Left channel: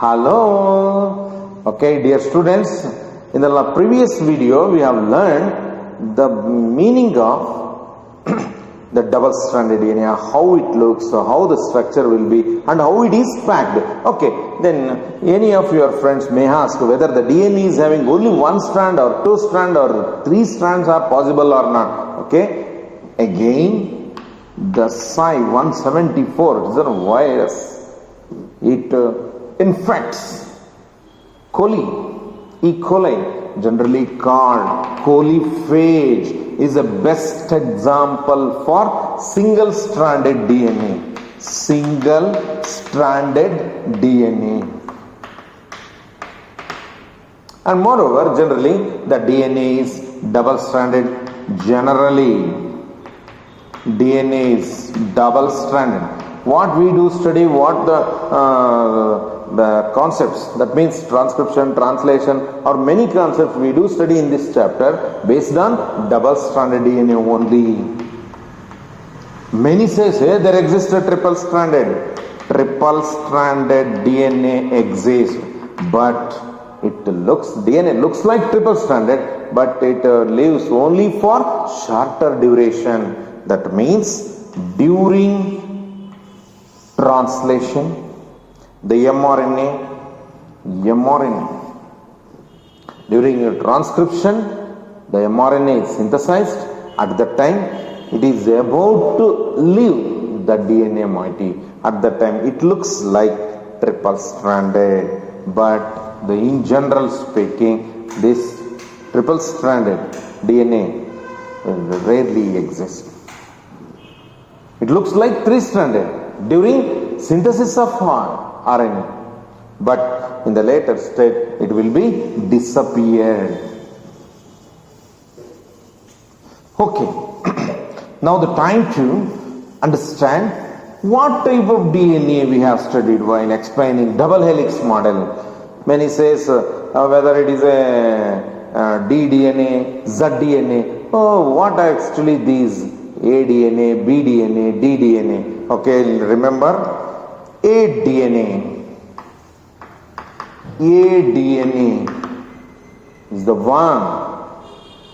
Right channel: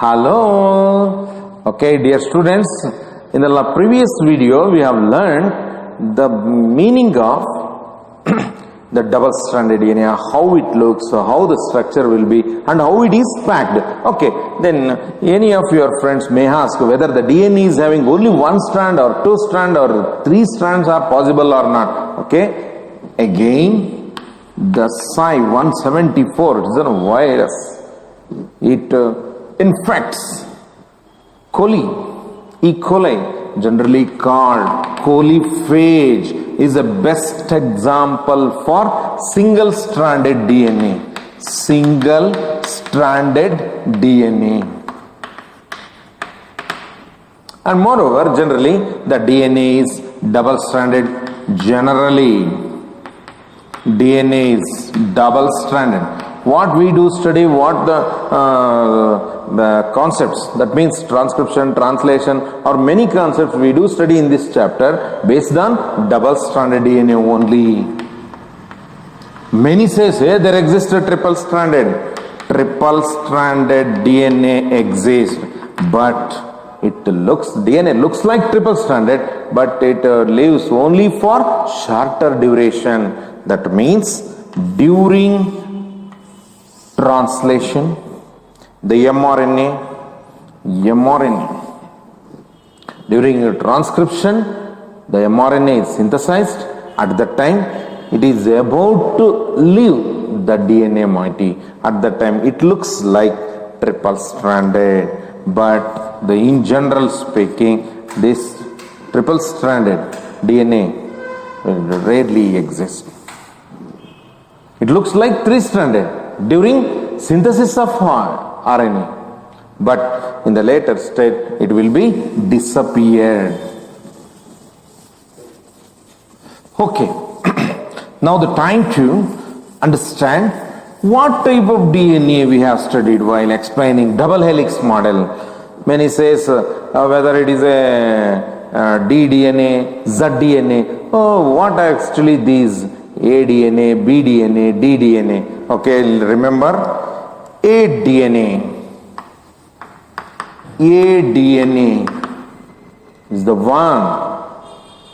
Hello. Okay, dear students, in the previous video we have learned the meaning of the double-stranded DNA, how it looks, how the structure will be, and how it is packed. Okay, then any of your friends may ask whether the DNA is having only one strand or two strands or three strands are possible or not. Okay, again, the Psi-174 is a virus. It infects E. coli, generally called coliphage, is the best example for single-stranded DNA. Single-stranded DNA. And moreover, generally, the DNA is double-stranded. Generally, DNA is double-stranded. What we do study, what the concepts, that means transcription, translation, or many concepts we do study in this chapter based on double-stranded DNA only. Many say there exists a triple-stranded DNA exists, but DNA looks like triple-stranded, but it lives only for shorter duration. That means during translation, the mRNA, during the transcription, the mRNA is synthesized. At that time, it is about to leave the DNA moiety. At that time, it looks like triple-stranded, but in general speaking, this triple-stranded DNA rarely exists. It looks like three-stranded during synthesis of RNA, but in the later state it will be disappeared. Okay, now the time to understand what type of DNA we have studied while explaining double helix model. Many says whether it is a ddNA, zDNA. Oh, what are actually these? aDNA, bDNA, ddNA. Okay, remember aDNA is the one.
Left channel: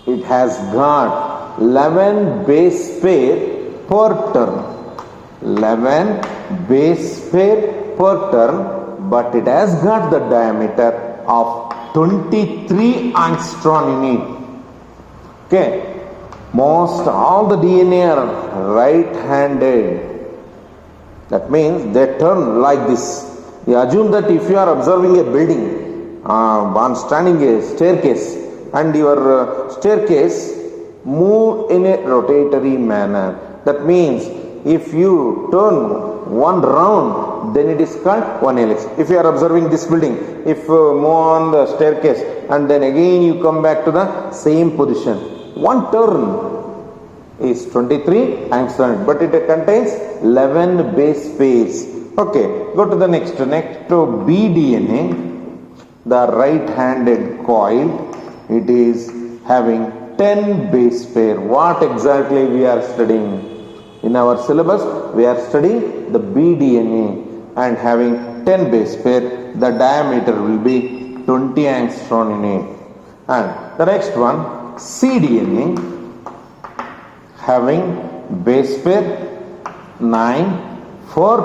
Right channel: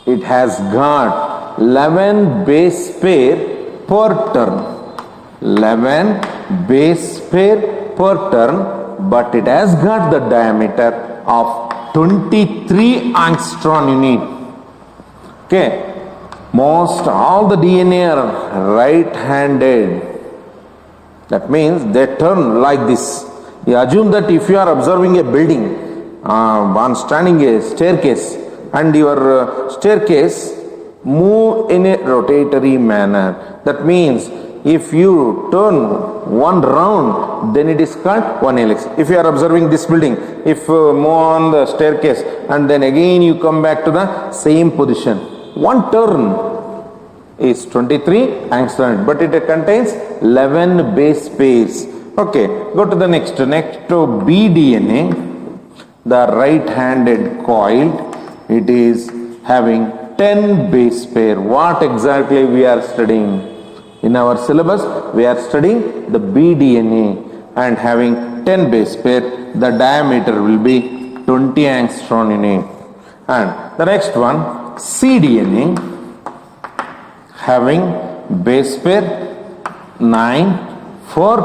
It has got 11 base pair per turn. 11 base pair per turn, but it has got the diameter of 23 angstrom unit. Okay. Most all the DNA are right-handed. That means they turn like this. You assume that if you are observing a building, one standing a staircase, and your staircase move in a rotatory manner. That means if you turn one round, then it is called one helix. If you are observing this building, if move on the staircase and then again you come back to the same position, one turn is 23 angstrom, but it contains 11 base pairs. Okay, go to the next to bDNA, the right-handed coiled. It is having 10 base pair. What exactly we are studying? In our syllabus, we are studying the bDNA and having 10 base pair. The diameter will be 20 angstrom unit. And the next one, cDNA, having base pair 9 for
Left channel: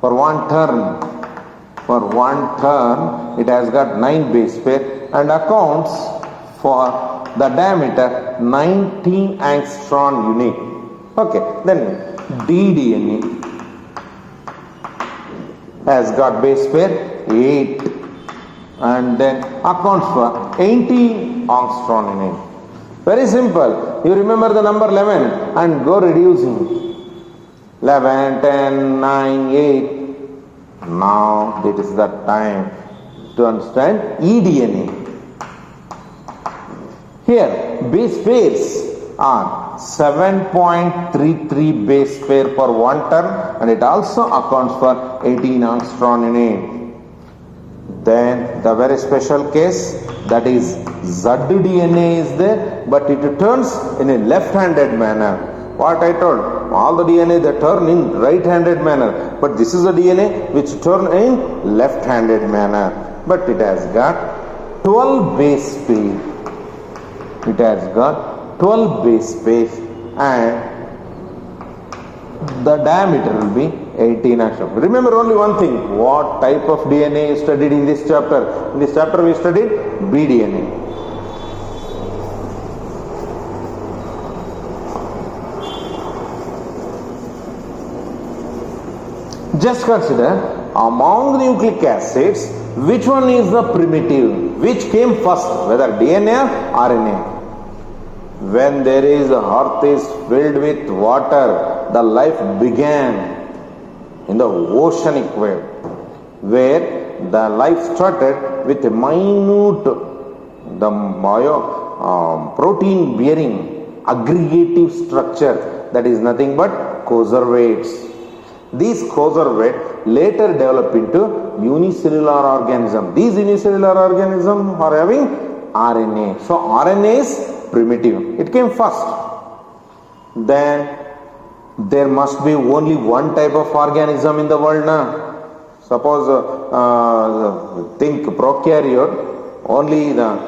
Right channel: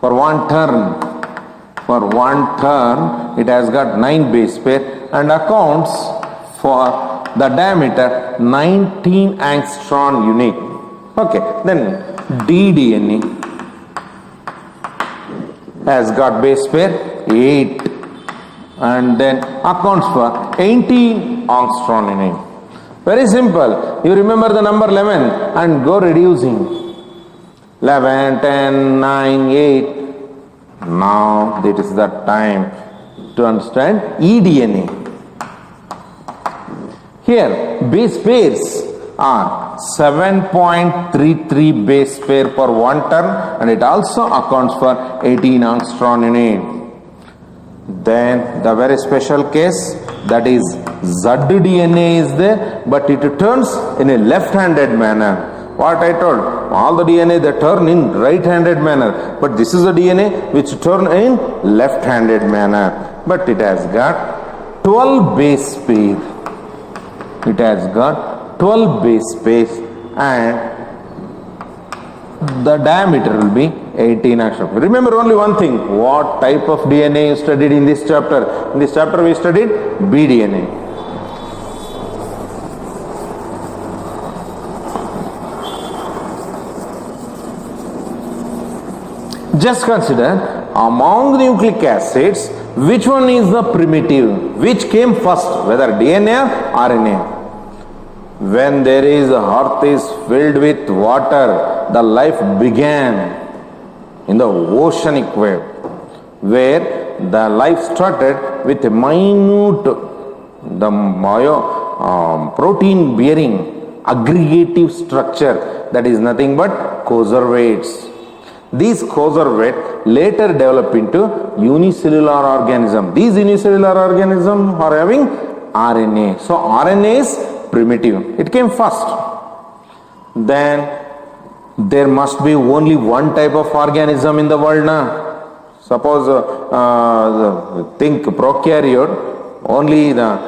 one turn it has got 9 base pair and accounts for the diameter 19 angstrom unit. Okay, then ddNA has got base pair 8 and then accounts for 18 angstrom unit. Very simple. You remember the number 11 and go reducing. 11, 10, 9, 8. Now that is the time to understand eDNA. Here base pairs are 7.33 base pair per one turn and it also accounts for 18 angstrom unit. Then the very special case, that is zDNA is there, but it turns in a left-handed manner. What I told, all the DNA they turn in right-handed manner, but this is the DNA which turn in left-handed manner. But it has got 12 base pair. It has got 12 base pairs and the diameter will be 18 angstrom. Remember only one thing, what type of DNA you studied in this chapter? In this chapter we studied BDNA. Just consider, among the nucleic acids, which one is the primitive? Which came first, whether DNA or RNA? When there is earth is filled with water, the life began in the oceanic wave, where the life started with a minute, protein bearing aggregative structure that is nothing but conservates. These conservate later develop into unicellular organism. These unicellular organisms are having RNA. So RNA is primitive. It came first. Then there must be only one type of organism in the world now. Suppose think prokaryote, only the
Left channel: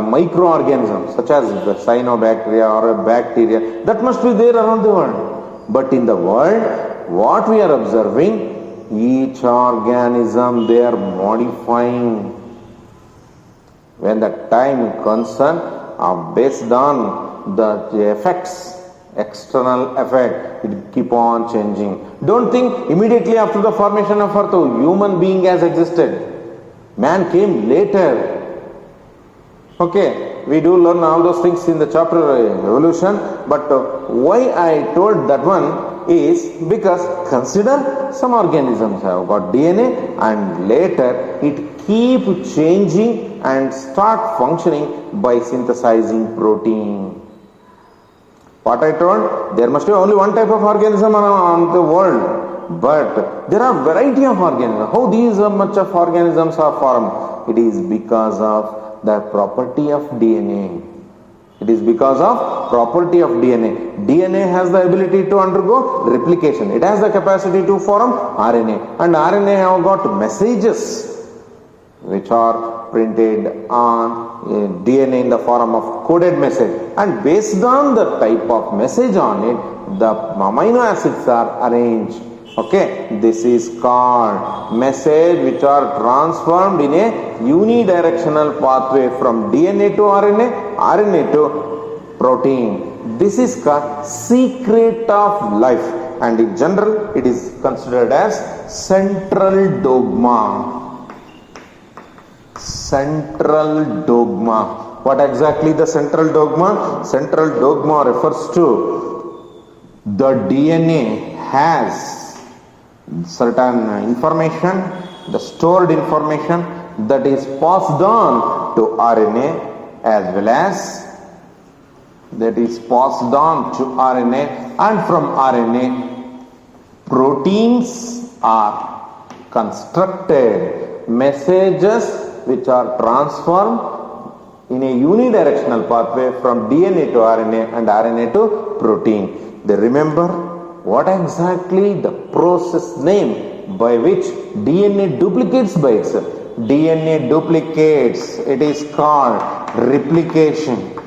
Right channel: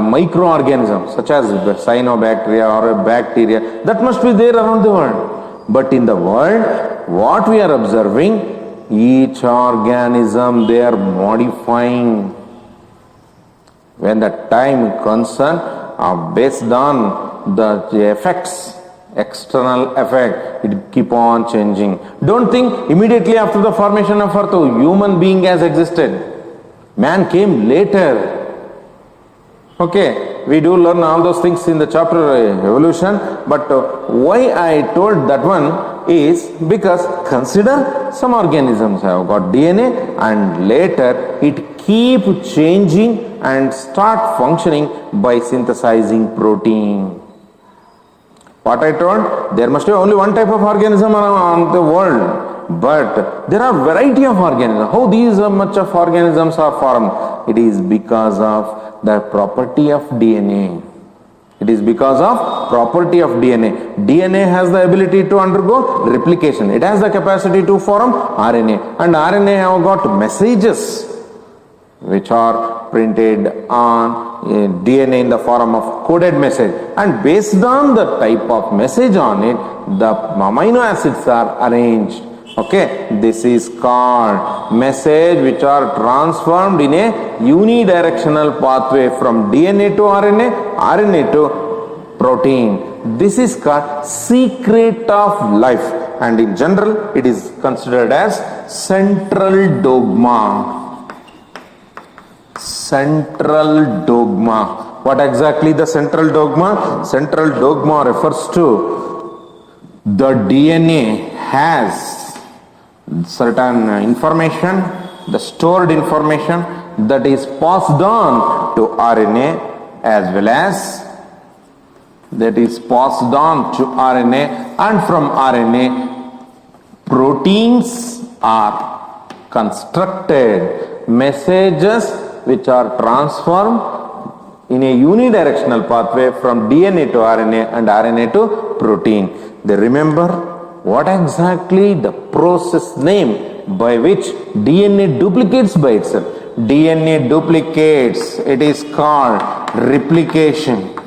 microorganisms such as cyanobacteria or a bacteria, that must be there around the world. But in the world, what we are observing, each organism they are modifying. When the time concerned, based on the effects, external effect, it keep on changing. Don't think immediately after the formation of earth, a human being has existed. Man came later. Okay, we do learn all those things in the chapter evolution, but why I told that one is because consider some organisms have got DNA and later it keep changing and start functioning by synthesizing protein. What I told, there must be only one type of organism on the world, but there are variety of organisms. How these much of organisms are formed? It is because of the property of DNA. It is because of property of DNA. DNA has the ability to undergo replication. It has the capacity to form RNA. And RNA have got messages which are printed on DNA in the form of coded message. And based on the type of message on it, the amino acids are arranged. Okay, this is called message which are transformed in a unidirectional pathway from DNA to RNA, RNA to protein. This is called secret of life, and in general it is considered as central dogma. Central dogma. What exactly the central dogma? Central dogma refers to the DNA has certain information, the stored information that is passed on to RNA as well as that is passed on to RNA, and from RNA proteins are constructed, messages which are transformed in a unidirectional pathway from DNA to RNA and RNA to protein. They remember what exactly the process name by which DNA duplicates by itself. DNA duplicates, it is called replication.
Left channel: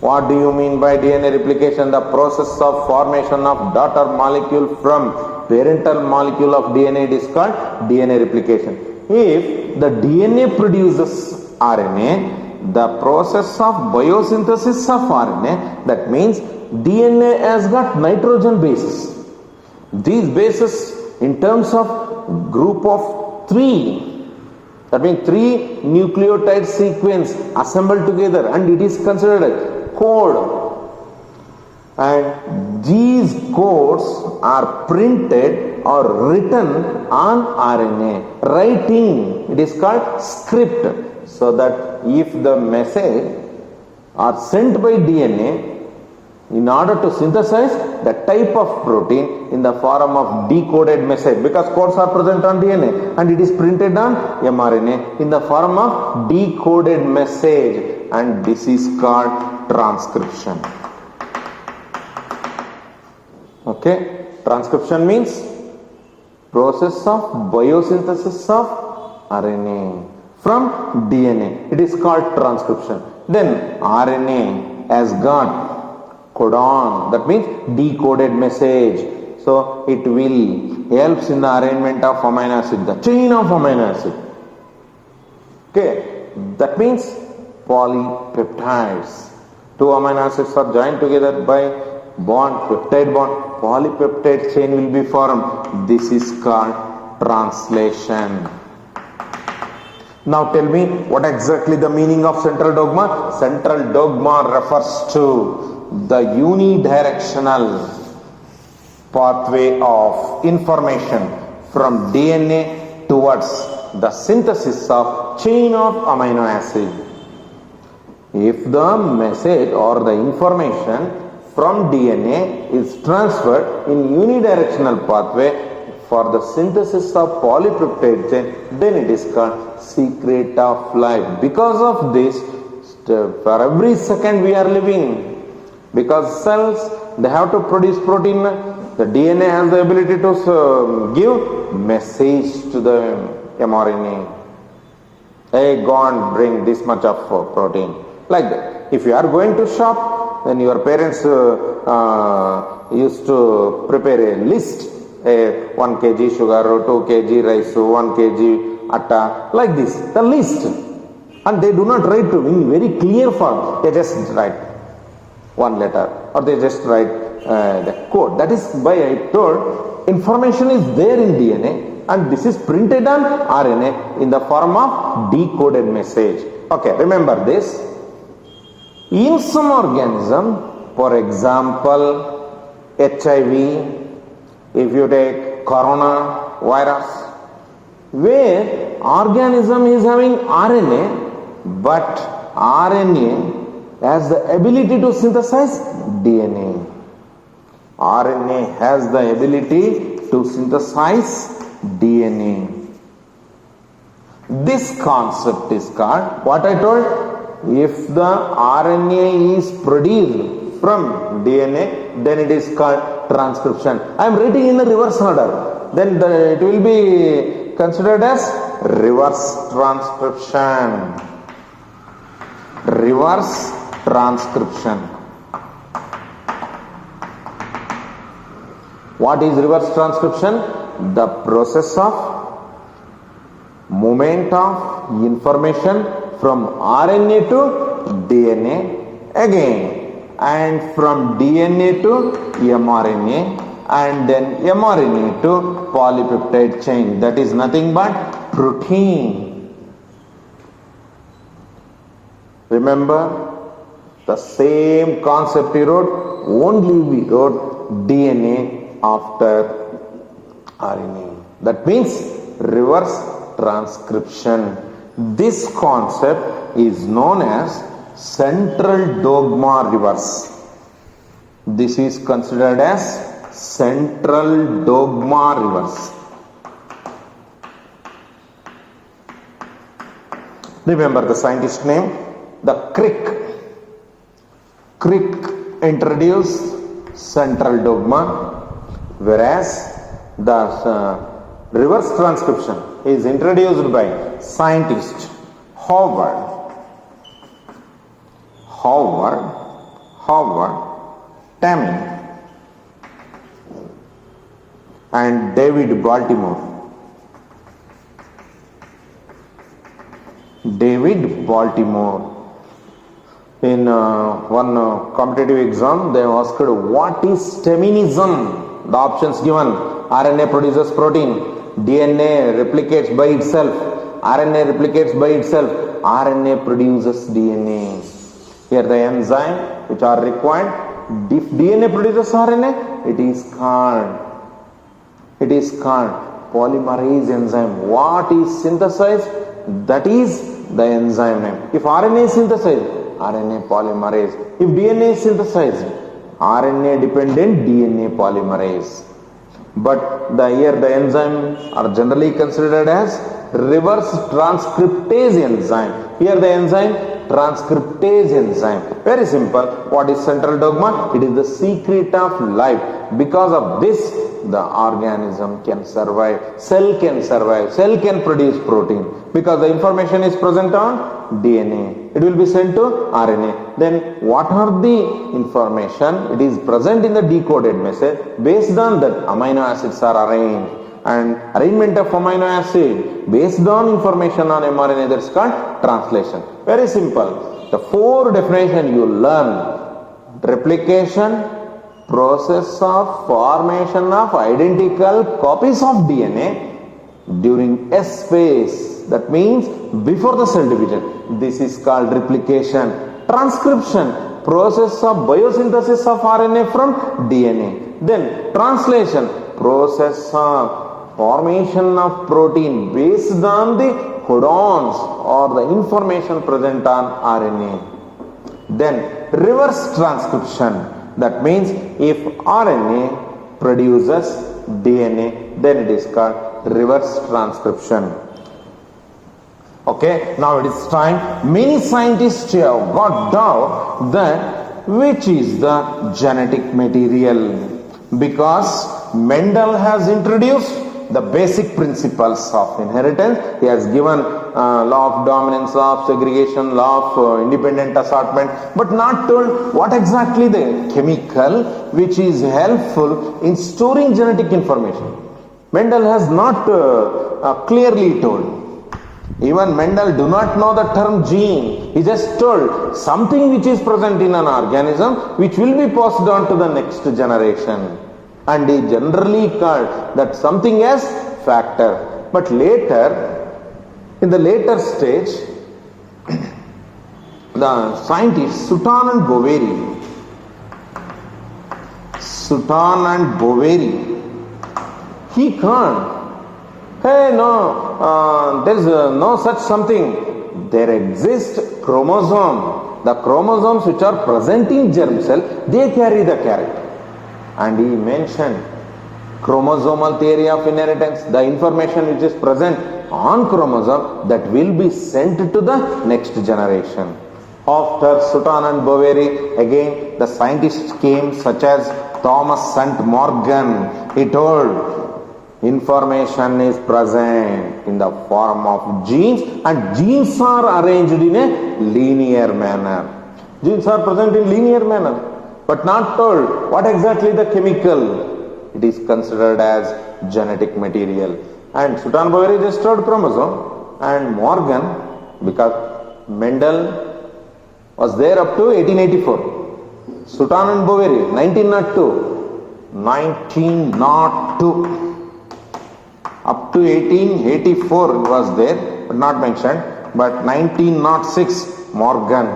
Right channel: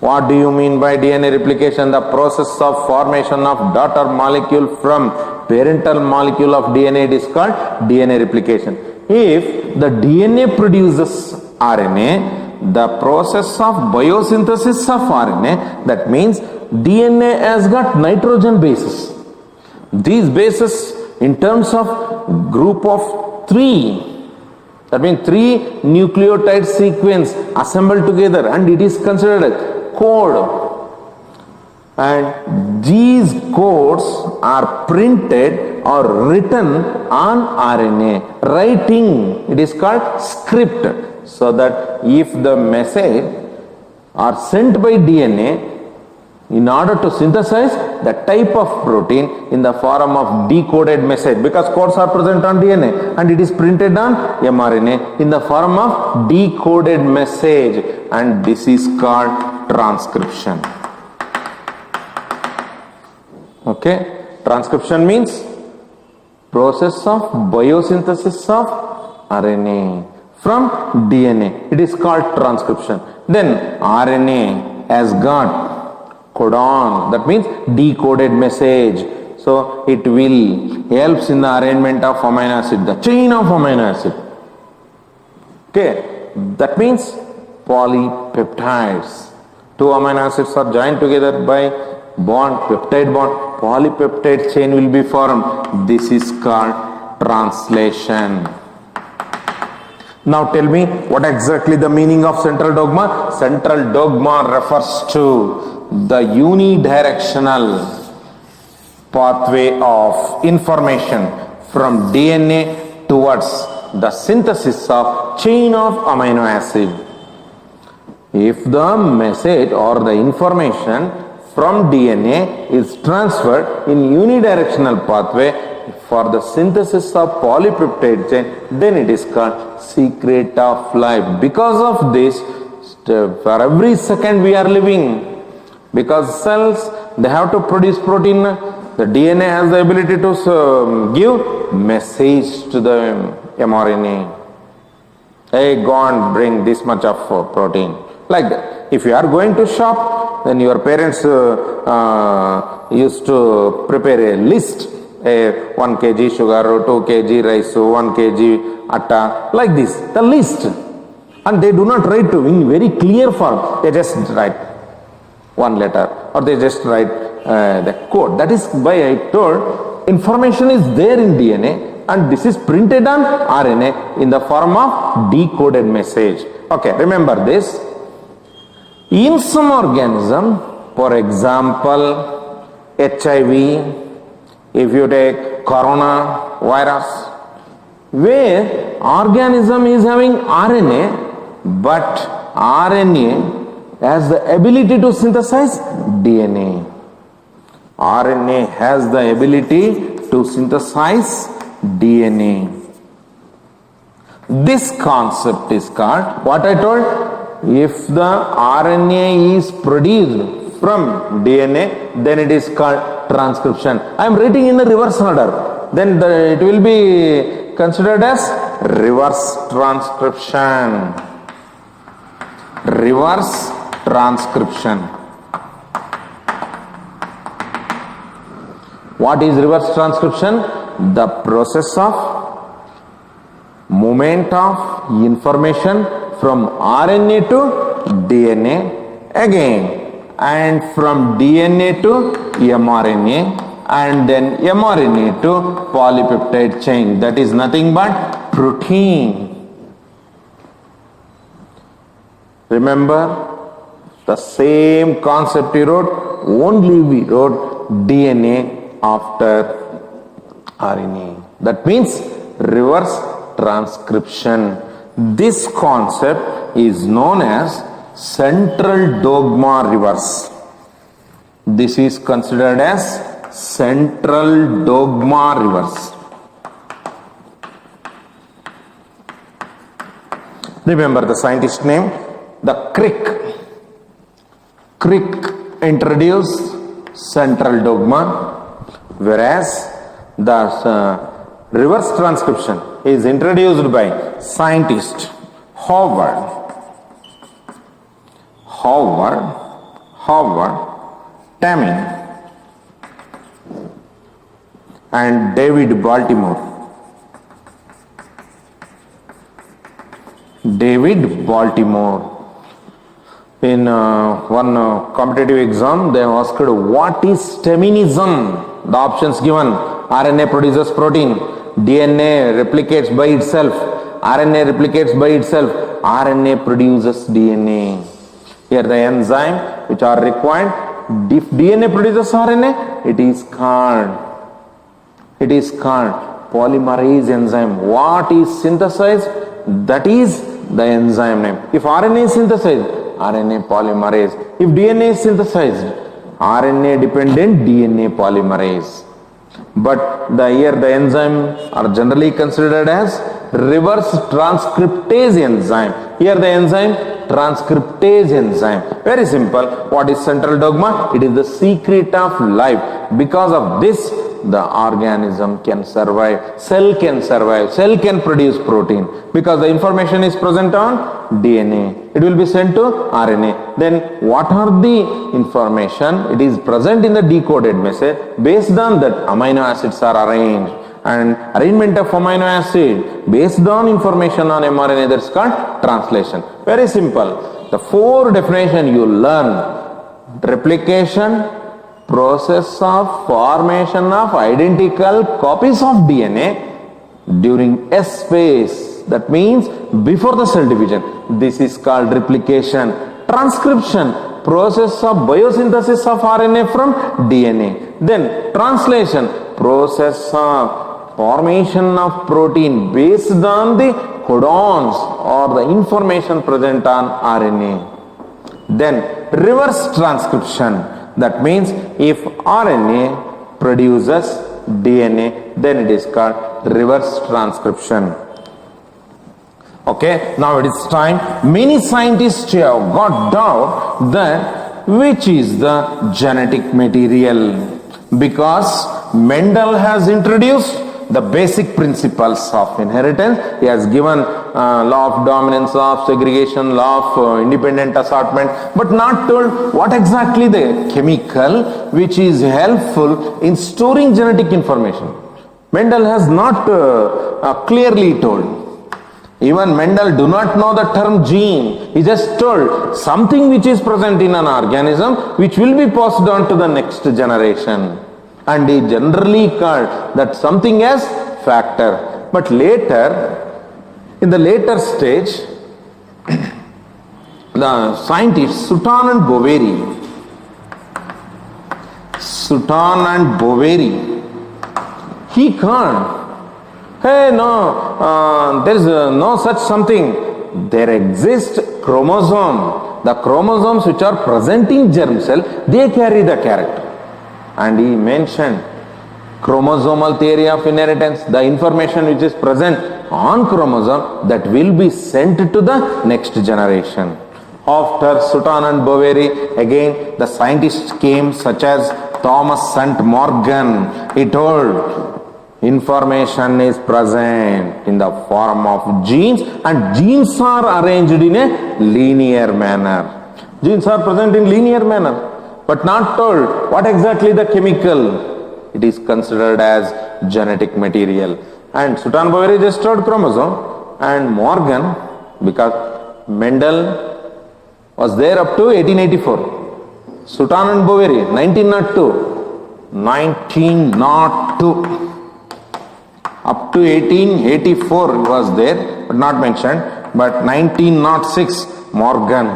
What do you mean by DNA replication? The process of formation of daughter molecule from parental molecule of DNA, it is called DNA replication. If the DNA produces RNA, the process of biosynthesis of RNA, that means DNA has got nitrogen bases. These bases in terms of group of 3, that means 3 nucleotide sequence assembled together, and it is considered a code. And these codes are printed or written on RNA. Writing, it is called script. So that if the message are sent by DNA in order to synthesize the type of protein in the form of decoded message, because codes are present on DNA and it is printed on mRNA in the form of decoded message, and this is called transcription. Okay, transcription means process of biosynthesis of RNA from DNA. It is called transcription. Then RNA has got codon, that means decoded message. So it will helps in the arrangement of amino acid, the chain of amino acid. Okay, that means polypeptides. Two amino acids are joined together by bond, peptide bond. Polypeptide chain will be formed. This is called translation. Now tell me what exactly the meaning of central dogma? Central dogma refers to the unidirectional pathway of information from DNA towards the synthesis of chain of amino acid. If the message or the information from DNA is transferred in unidirectional pathway for the synthesis of polypeptide chain, then it is called secret of life. Because of this, for every second we are living, because cells, they have to produce protein. The DNA has the ability to give message to the mRNA. Hey, go and bring this much of protein. Like that. If you are going to shop, then your parents used to prepare a list. 1 kg sugar, 2 kg rice, 1 kg atta, like this, the list. And they do not write in very clear form. They just write one letter, or they just write the code. That is why I told information is there in DNA, and this is printed on RNA in the form of decoded message. Okay, remember this. In some organism, for example, HIV, if you take corona virus, where organism is having RNA, but RNA has the ability to synthesize DNA. RNA has the ability to synthesize DNA. This concept is called, what I told, if the RNA is produced from DNA, then it is called transcription. I am writing in the reverse order. Then it will be considered as reverse transcription. Reverse transcription. What is reverse transcription? The process of movement of information from RNA to DNA again, and from DNA to mRNA, and then mRNA to polypeptide chain. That is nothing but protein. Remember the same concept we wrote, only we wrote DNA after RNA. That means reverse transcription. This concept is known as central dogma reverse. This is considered as central dogma reverse. Remember the scientist name? The Crick. Crick introduced central dogma, whereas the reverse transcription is introduced by scientist Howard Tamming and David Baltimore. In one competitive exam, they asked, what is Taminism? The options given: RNA produces protein, DNA replicates by itself, RNA replicates by itself, RNA produces DNA. Here the enzyme which are required, if DNA produces RNA, it is called polymerase enzyme. What is synthesized? That is the enzyme name. If RNA is synthesized, RNA polymerase. If DNA is synthesized, RNA dependent DNA polymerase. But here the enzymes are generally considered as reverse transcriptase enzyme. Here the enzyme transcriptase enzyme. Very simple. What is central dogma? It is the secret of life. Because of this, the organism can survive, cell can produce protein, because the information is present on DNA. It will be sent to RNA. Then what are the information? It is present in the decoded message. Based on that, amino acids are arranged, and arrangement of amino acid based on information on mRNA, that's called translation. Very simple. The 4 definition you learn: replication, process of formation of identical copies of DNA during S phase, that means before the cell division. This is called replication. Transcription, process of biosynthesis of RNA from DNA. Then translation, process of formation of protein based on the codons or the information present on RNA. Then reverse transcription, that means if RNA produces DNA, then it is called reverse transcription. Okay, now it is time. Many scientists have got doubt that which is the genetic material, because Mendel has introduced the basic principles of inheritance. He has given law of dominance, law of segregation, law of independent assortment, but not told what exactly the chemical which is helpful in storing genetic information. Mendel has not clearly told. Even Mendel do not know the term gene. He just told something which is present in an organism which will be passed on to the next generation. And he generally called that something as factor. But later, in the later stage, the scientists Sutton and Boveri, he called, hey, no, there is no such something. There exists chromosome. The chromosomes which are present in germ cell, they carry the character. And he mentioned chromosomal theory of inheritance, the information which is present on chromosome that will be sent to the next generation. After Sutton and Boveri, again the scientists came, such as Thomas St. Morgan. He told information is present in the form of genes, and genes are arranged in a linear manner. Genes are present in linear manner, but not told what exactly the chemical. It is considered as genetic material. And Sutton Boveri just told chromosome, and Morgan, because Mendel was there up to 1884. Sutton and Boveri, 1902. Up to 1884 was there, but not mentioned. But 1906, Morgan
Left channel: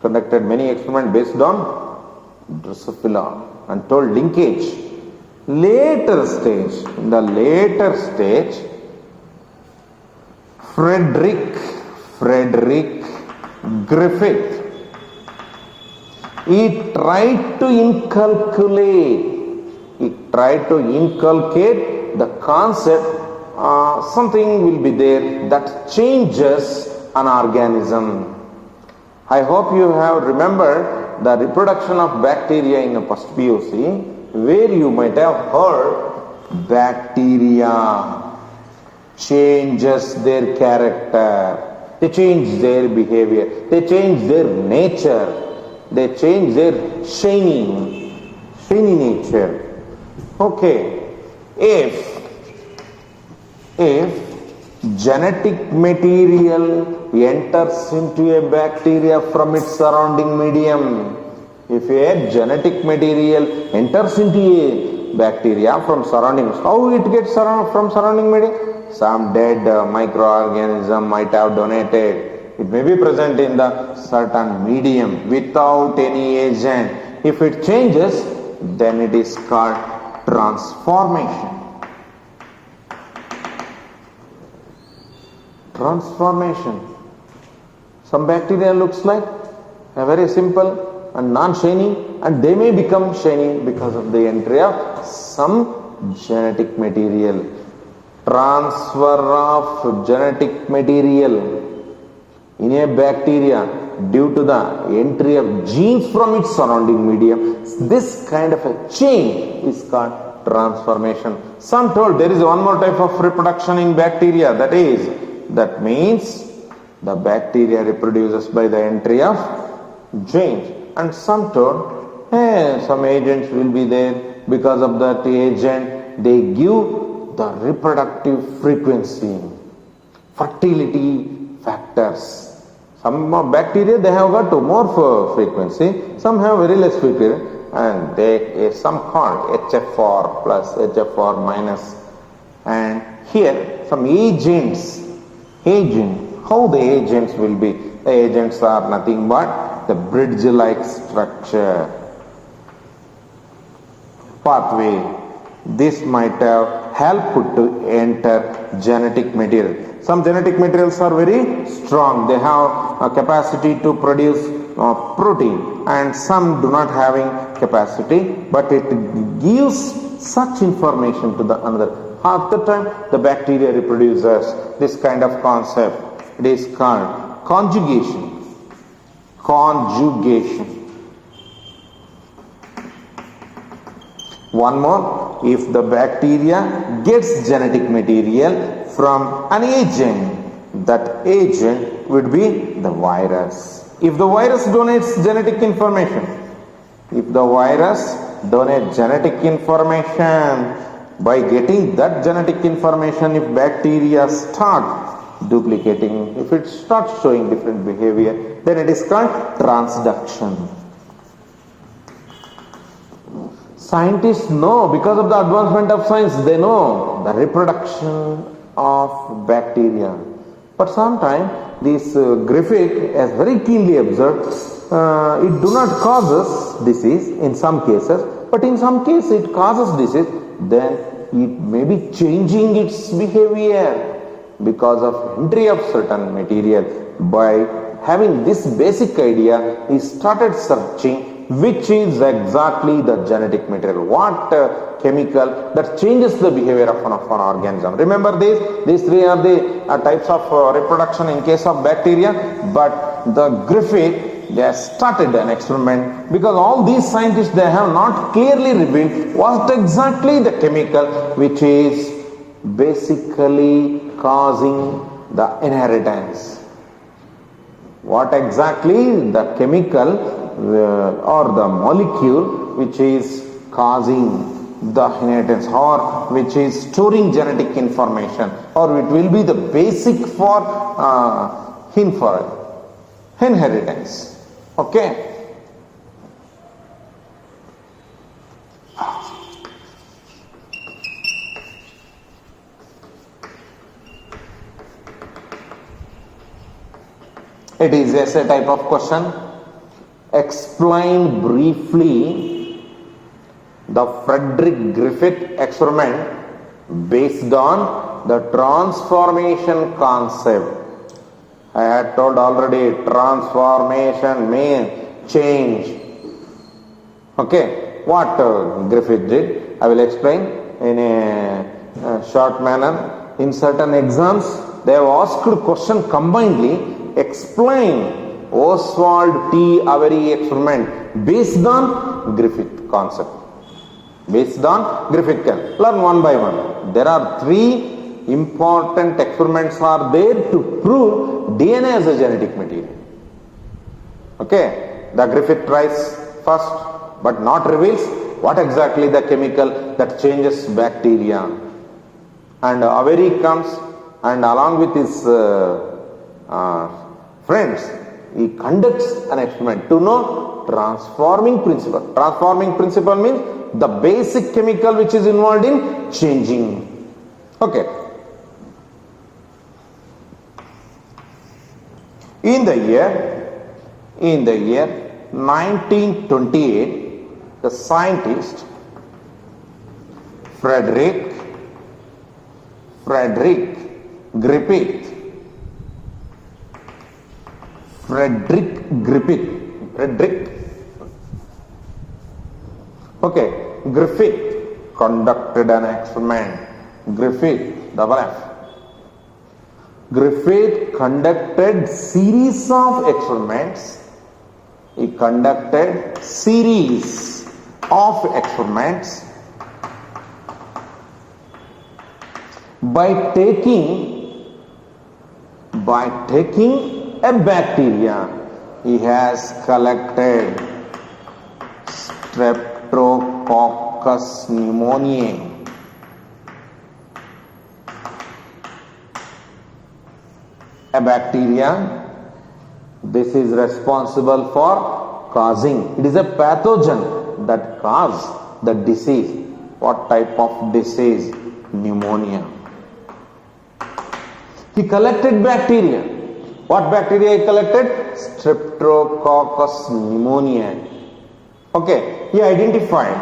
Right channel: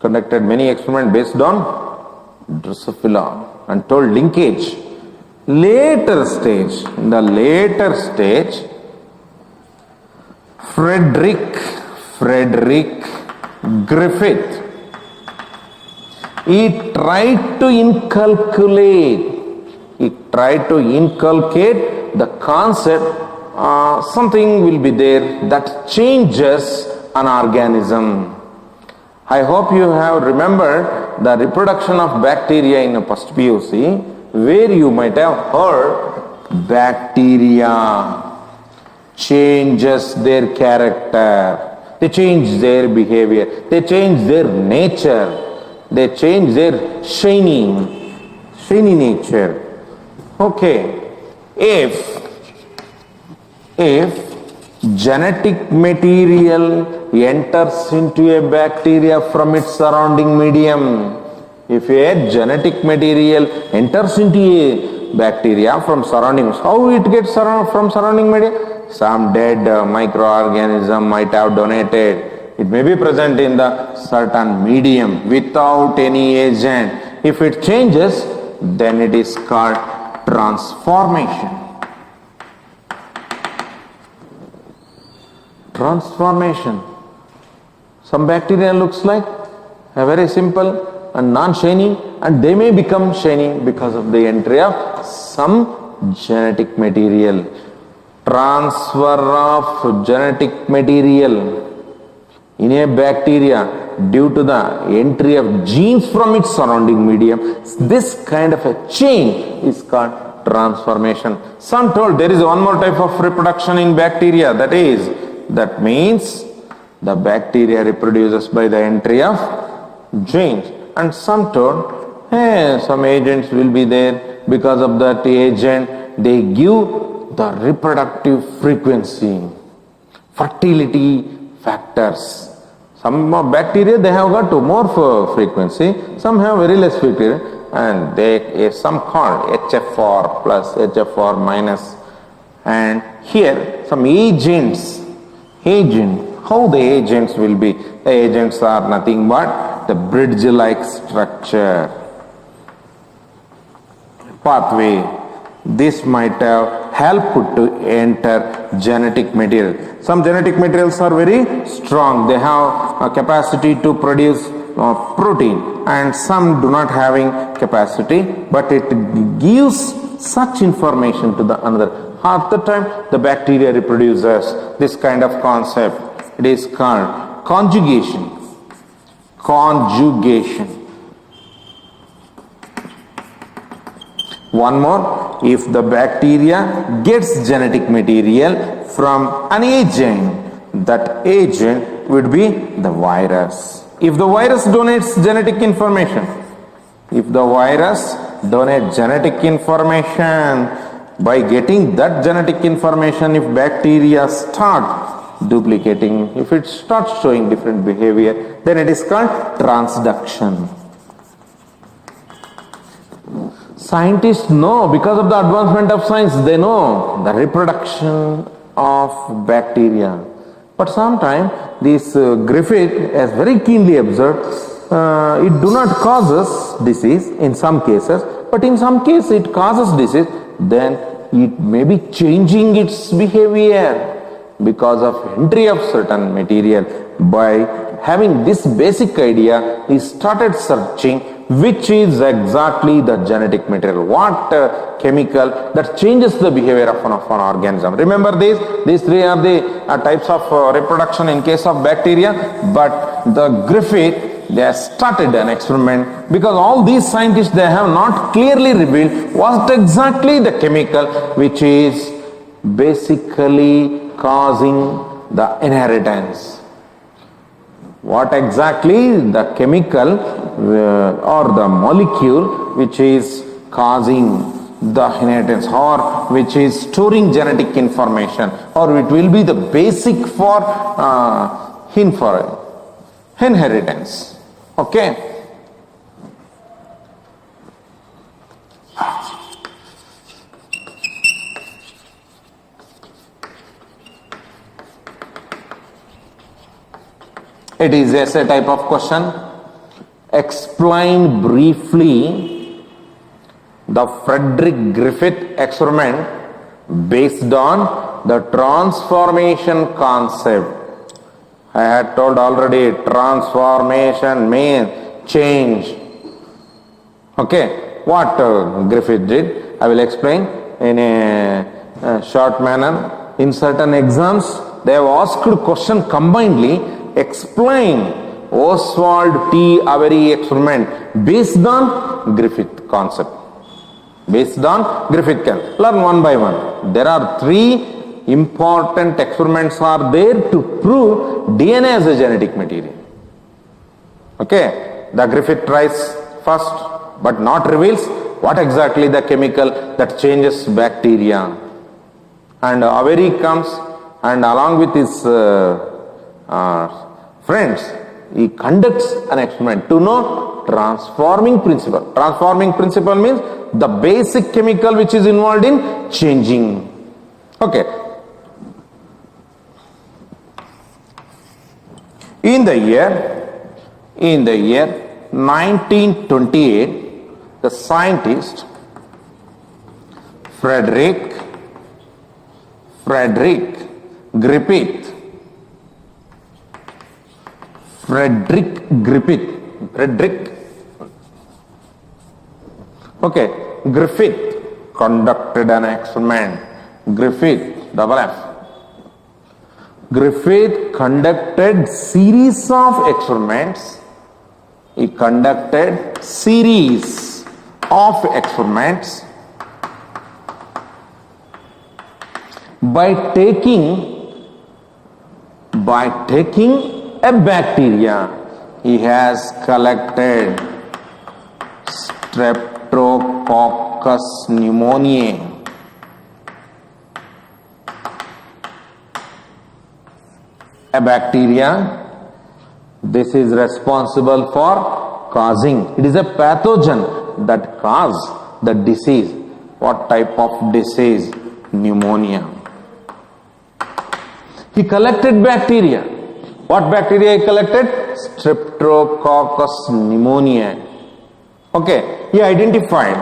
conducted many experiments based on Drosophila and told linkage. In the later stage, Frederick Griffith, he tried to inculcate the concept, something will be there that changes an organism. I hope you have remembered the reproduction of bacteria in a first PUC, where you might have heard bacteria changes their character, they change their behavior, they change their nature, they change their shiny nature. Okay, if genetic material enters into a bacteria from its surrounding medium, if a genetic material enters into a bacteria from surrounding, how it gets from surrounding media? Some dead microorganism might have donated. It may be present in the certain medium without any agent. If it changes, then it is called transformation. Some bacteria looks like a very simple and non-shiny, and they may become shiny because of the entry of some genetic material. Transfer of genetic material In a bacteria, due to the entry of genes from its surrounding medium, this kind of a change is called transformation. Some told there is one more type of reproduction in bacteria, that means the bacteria reproduces by the entry of genes. And some told some agents will be there, because of that agent they give the reproductive frequency, fertility factors. Some bacteria they have got more frequency, some have very less frequency, and some called HFR plus, HFR minus. And here some agents, how the agents will be? The agents are nothing but the bridge-like structure, pathway. This might have helped to enter genetic material. Some genetic materials are very strong. They have a capacity to produce protein, and some do not having capacity, but it gives such information to the another. Half the time the bacteria reproduces this kind of concept. It is called conjugation. One more, if the bacteria gets genetic material from an agent, that agent would be the virus. If the virus donates genetic information, by getting that genetic information, if bacteria start duplicating, if it starts showing different behavior, then it is called transduction. Scientists know, because of the advancement of science, they know the reproduction of bacteria. But sometimes this Griffith has very keenly observed, it do not causes disease in some cases, but in some cases it causes disease, then it may be changing its behavior because of entry of certain material. By having this basic idea, he started searching which is exactly the genetic material, what chemical that changes the behavior of an organism. Remember these three are the types of reproduction in case of bacteria, but the Griffith, they have started an experiment, because all these scientists, they have not clearly revealed what exactly the chemical which is basically causing the inheritance. What exactly the chemical or the molecule which is causing the inheritance, or which is storing genetic information, or it will be the basic for inheritance. Okay. It is essay type of question. Explain briefly the Frederick Griffith experiment based on the transformation concept. I had told already, transformation means change. Okay, what Griffith did, I will explain in a short manner. In certain exams, they have asked question combinedly. Explain Oswald T. Avery experiment based on Griffith concept. Based on Griffith concept. Learn one by one. There are three important experiments are there to prove DNA as a genetic material. Okay. The Griffith tries first, but not reveals what exactly the chemical that changes bacteria. And Avery comes, and along with his friends, he conducts an experiment to know transforming principle. Transforming principle means the basic chemical which is involved in changing. Okay. In the year 1928, the scientist Frederick Griffith. Griffith conducted an experiment. Griffith, double F. Griffith conducted series of experiments. He conducted series of experiments by taking a bacteria. He has collected Streptococcus pneumoniae. A bacteria, this is responsible for causing, it is a pathogen that causes the disease. What type of disease? Pneumonia. He collected bacteria. What bacteria he collected? Streptococcus pneumoniae. Okay, he identified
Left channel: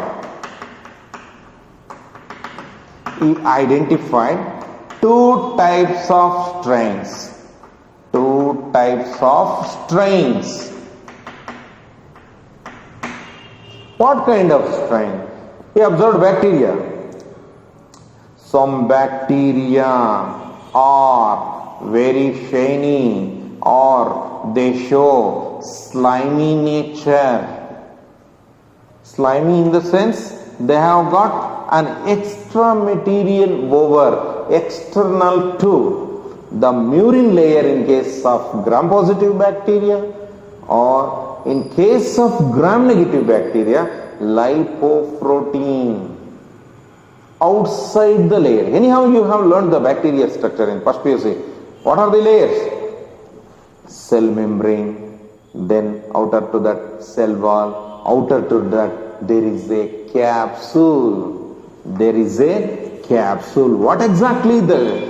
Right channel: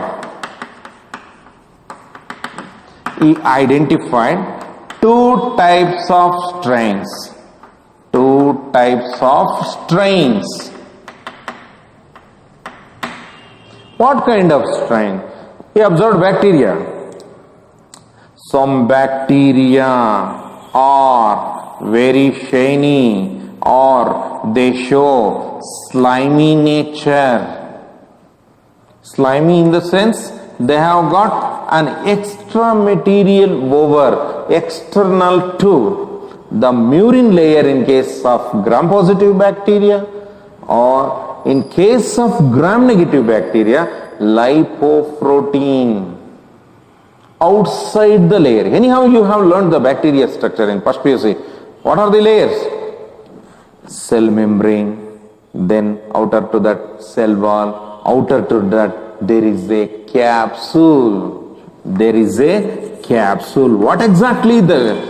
two types of strains. Two types of strains. What kind of strain? He observed bacteria. Some bacteria are very shiny or they show slimy nature. Slimy in the sense they have got an extra material over, external to the murin layer in case of gram-positive bacteria, or in case of gram-negative bacteria, lipoprotein outside the layer. Anyhow, you have learned the bacteria structure in first PUC. What are the layers? Cell membrane, then outer to that cell wall, outer to that there is a capsule. There is a capsule. What exactly the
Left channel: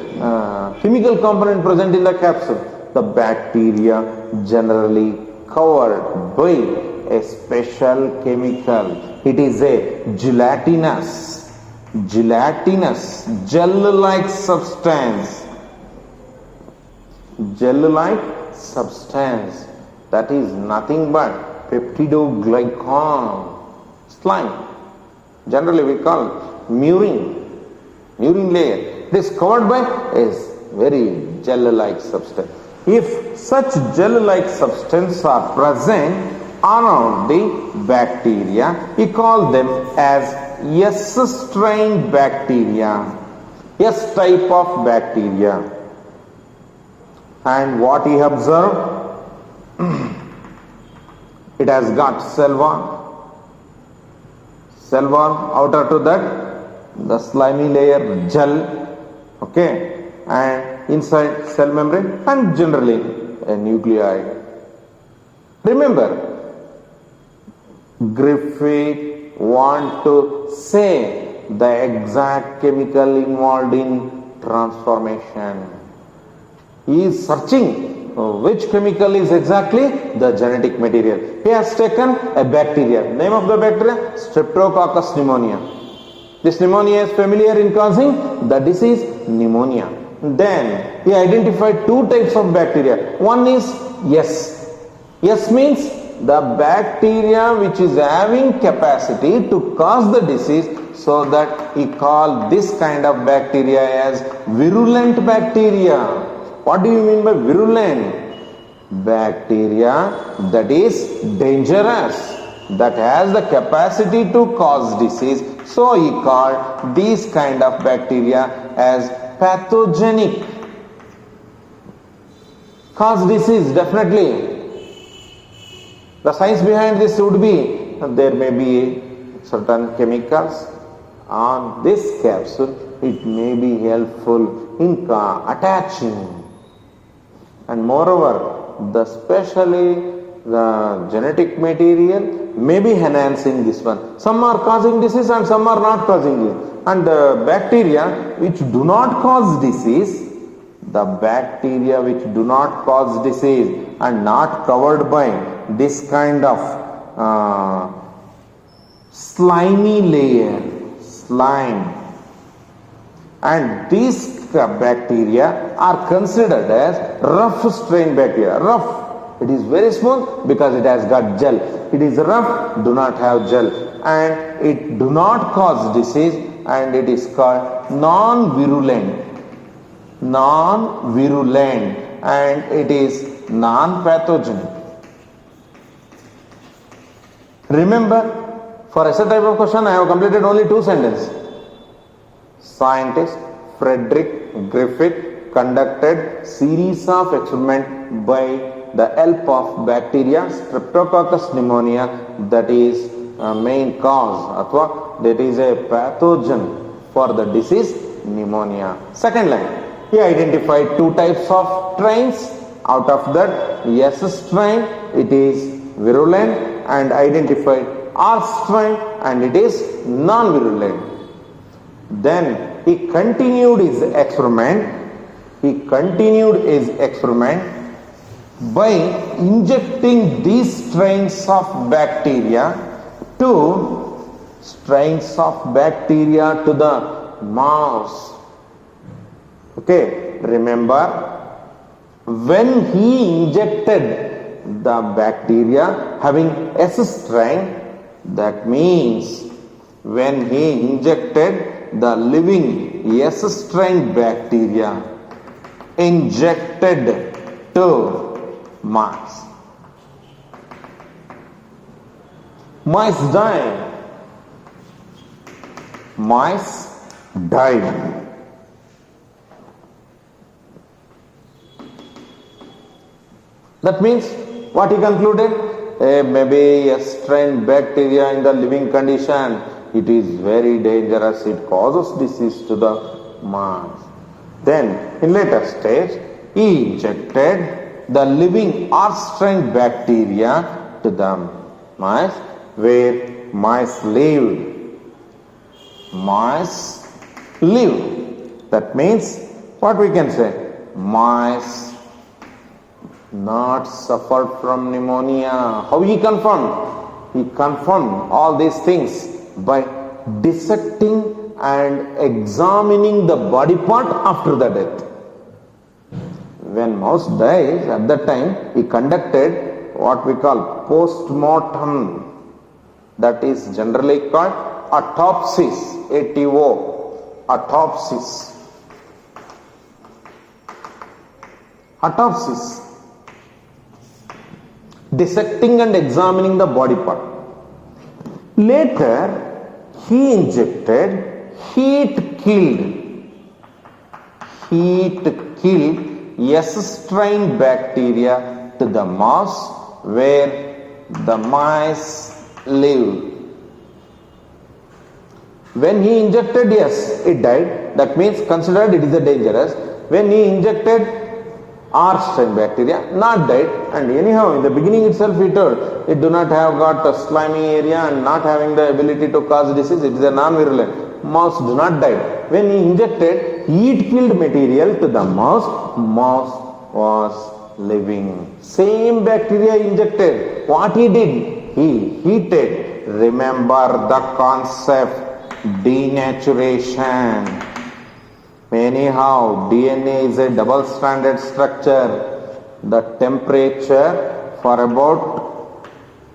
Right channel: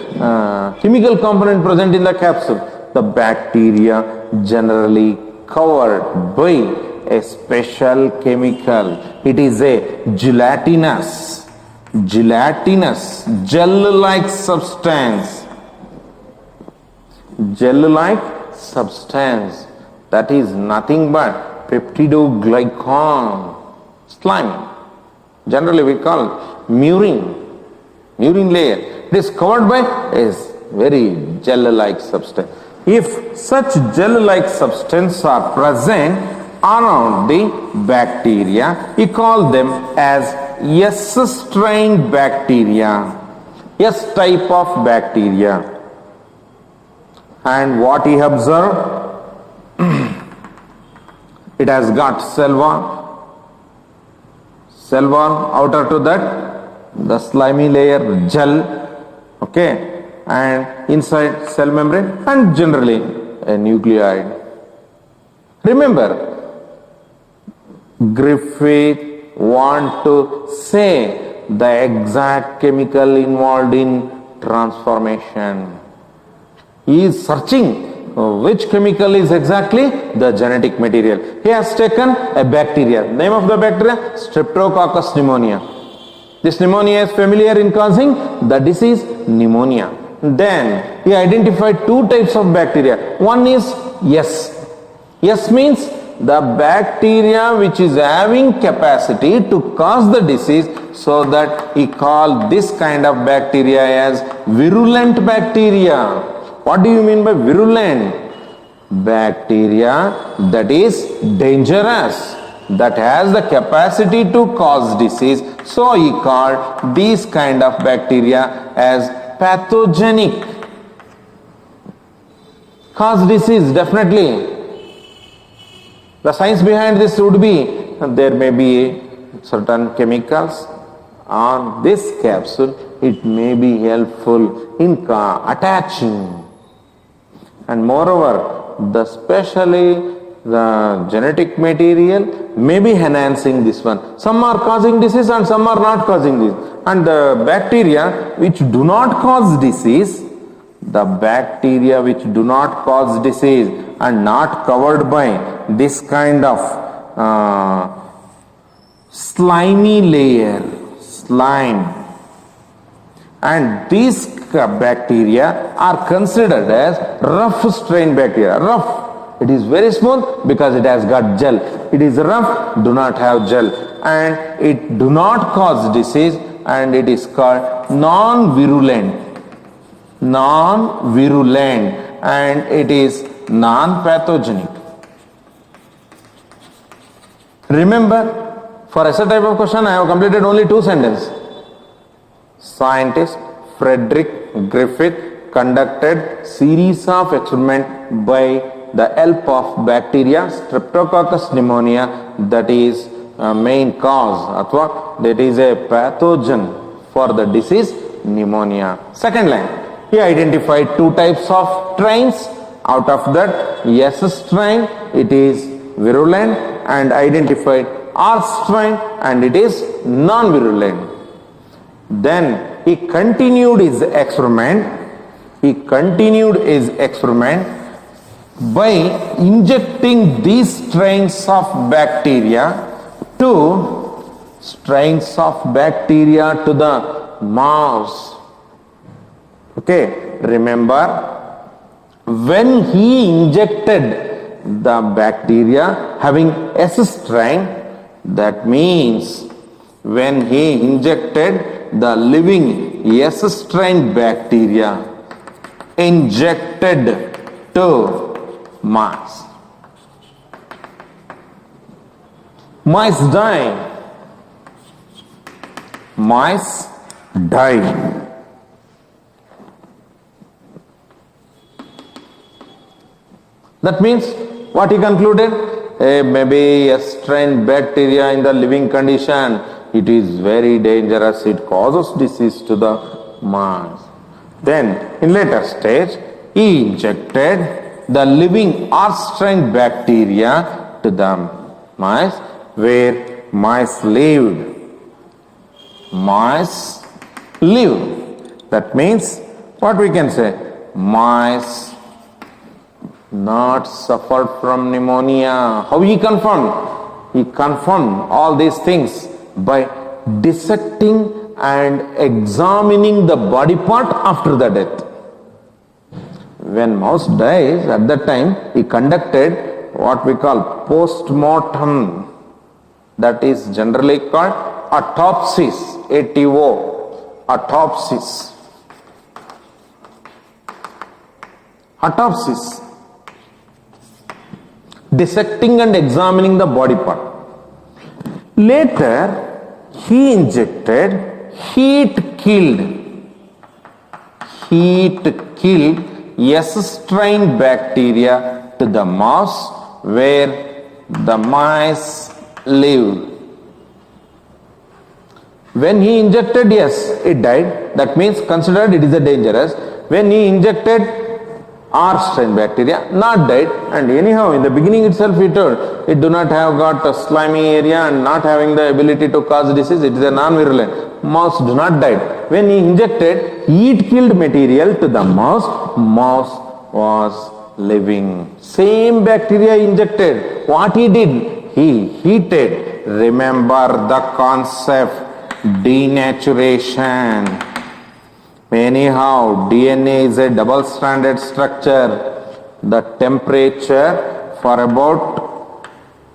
chemical component present in the capsule? The bacteria generally covered by a special chemical. It is a gelatinous, gel-like substance. Gel-like substance. That is nothing but peptidoglycan. Slime. Generally we call murin layer. It is covered by a very gel-like substance. If such gel-like substance are present around the bacteria, we call them as S-strain bacteria, S type of bacteria. And what he observed? It has got cell wall, outer to that the slimy layer, gel, okay, and inside cell membrane, and generally a nucleoid. Remember, Griffith want to say the exact chemical involved in transformation. He is searching which chemical is exactly the genetic material. He has taken a bacteria. Name of the bacteria? Streptococcus pneumonia. This pneumonia is familiar in causing the disease pneumonia. Then he identified two types of bacteria. One is S. S means the bacteria which is having capacity to cause the disease, so that he called this kind of bacteria as virulent bacteria. What do you mean by virulent? Bacteria that is dangerous, that has the capacity to cause disease. So he called these kind of bacteria as pathogenic. Cause disease, definitely. The science behind this would be, there may be certain chemicals on this capsule. It may be helpful in attaching. And moreover, especially the genetic material may be enhancing this one. Some are causing disease and some are not causing this. And the bacteria which do not cause disease, and not covered by this kind of slimy layer, slime, and these bacteria are considered as rough strain bacteria. Rough, it is very smooth because it has got gel. It is rough, do not have gel, and it do not cause disease, and it is called non-virulent. non-virulent, and it is non-pathogenic. Remember, for such type of question, I have completed only 2 sentences. Scientist Frederick Griffith conducted series of experiments by the help of bacteria Streptococcus pneumonia, that is a main cause, athwa that is a pathogen for the disease pneumonia. Second line, he identified 2 types of strains. Out of that, S strain, it is virulent, and identified R strain, and it is non-virulent. Then he continued his experiment. By injecting these strains of bacteria to the mouse. Okay, remember, when he injected the bacteria having S strain, that means when he injected the living S strain bacteria injected to mice. Mice die. That means what he concluded? Maybe a strain bacteria in the living condition, it is very dangerous, it causes disease to the mice. Then in later stage, he injected the living R strain bacteria to the mice, where mice lived. That means what we can say? Mice not suffered from pneumonia. How he confirmed? He confirmed all these things by dissecting and examining the body part after the death. When mouse dies, at that time he conducted what we call post-mortem, that is generally called autopsies, ATO, autopsies. Dissecting and examining the body part. Later, he injected heat-killed S strain bacteria to the mouse, where the mice lived. When he injected, yes, it died. That means considered it is a dangerous. When he injected R strain bacteria, not died, and anyhow in the beginning itself he told it do not have got a slimy area and not having the ability to cause disease, it is a non-virulent. Mouse do not die. When he injected heat-killed material to the mouse, mouse was living. Same bacteria injected. What he did? He heated. Remember the concept, denaturation. Anyhow, DNA is a double-stranded structure. The temperature for about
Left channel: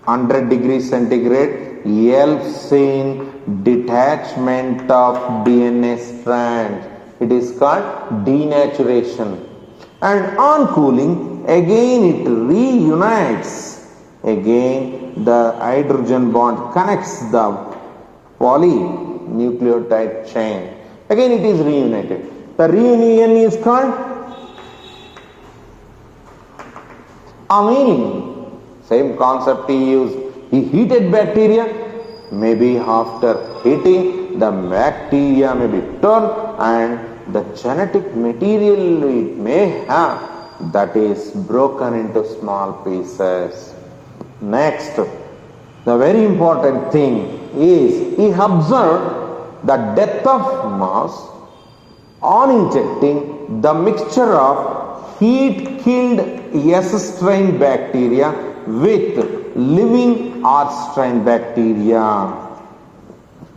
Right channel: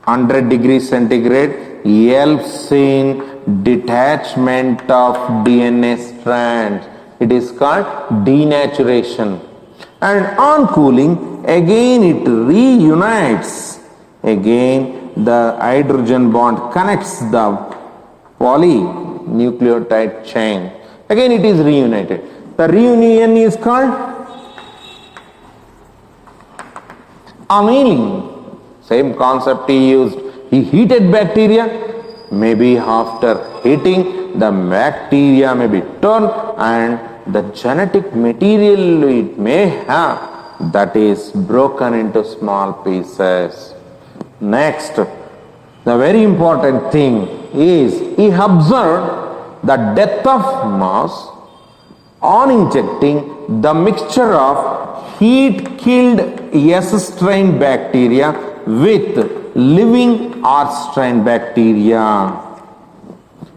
100 degrees centigrade helps in detachment of DNA strands. It is called denaturation. And on cooling, again it reunites. Again the hydrogen bond connects the polynucleotide chain. Again it is reunited. The reunion is called annealing. Same concept he used. He heated bacteria. Maybe after heating, the bacteria may be turned and the genetic material it may have, that is broken into small pieces. Next, the very important thing is he observed the death of mouse on injecting the mixture of heat-killed S strain bacteria with living R strain bacteria.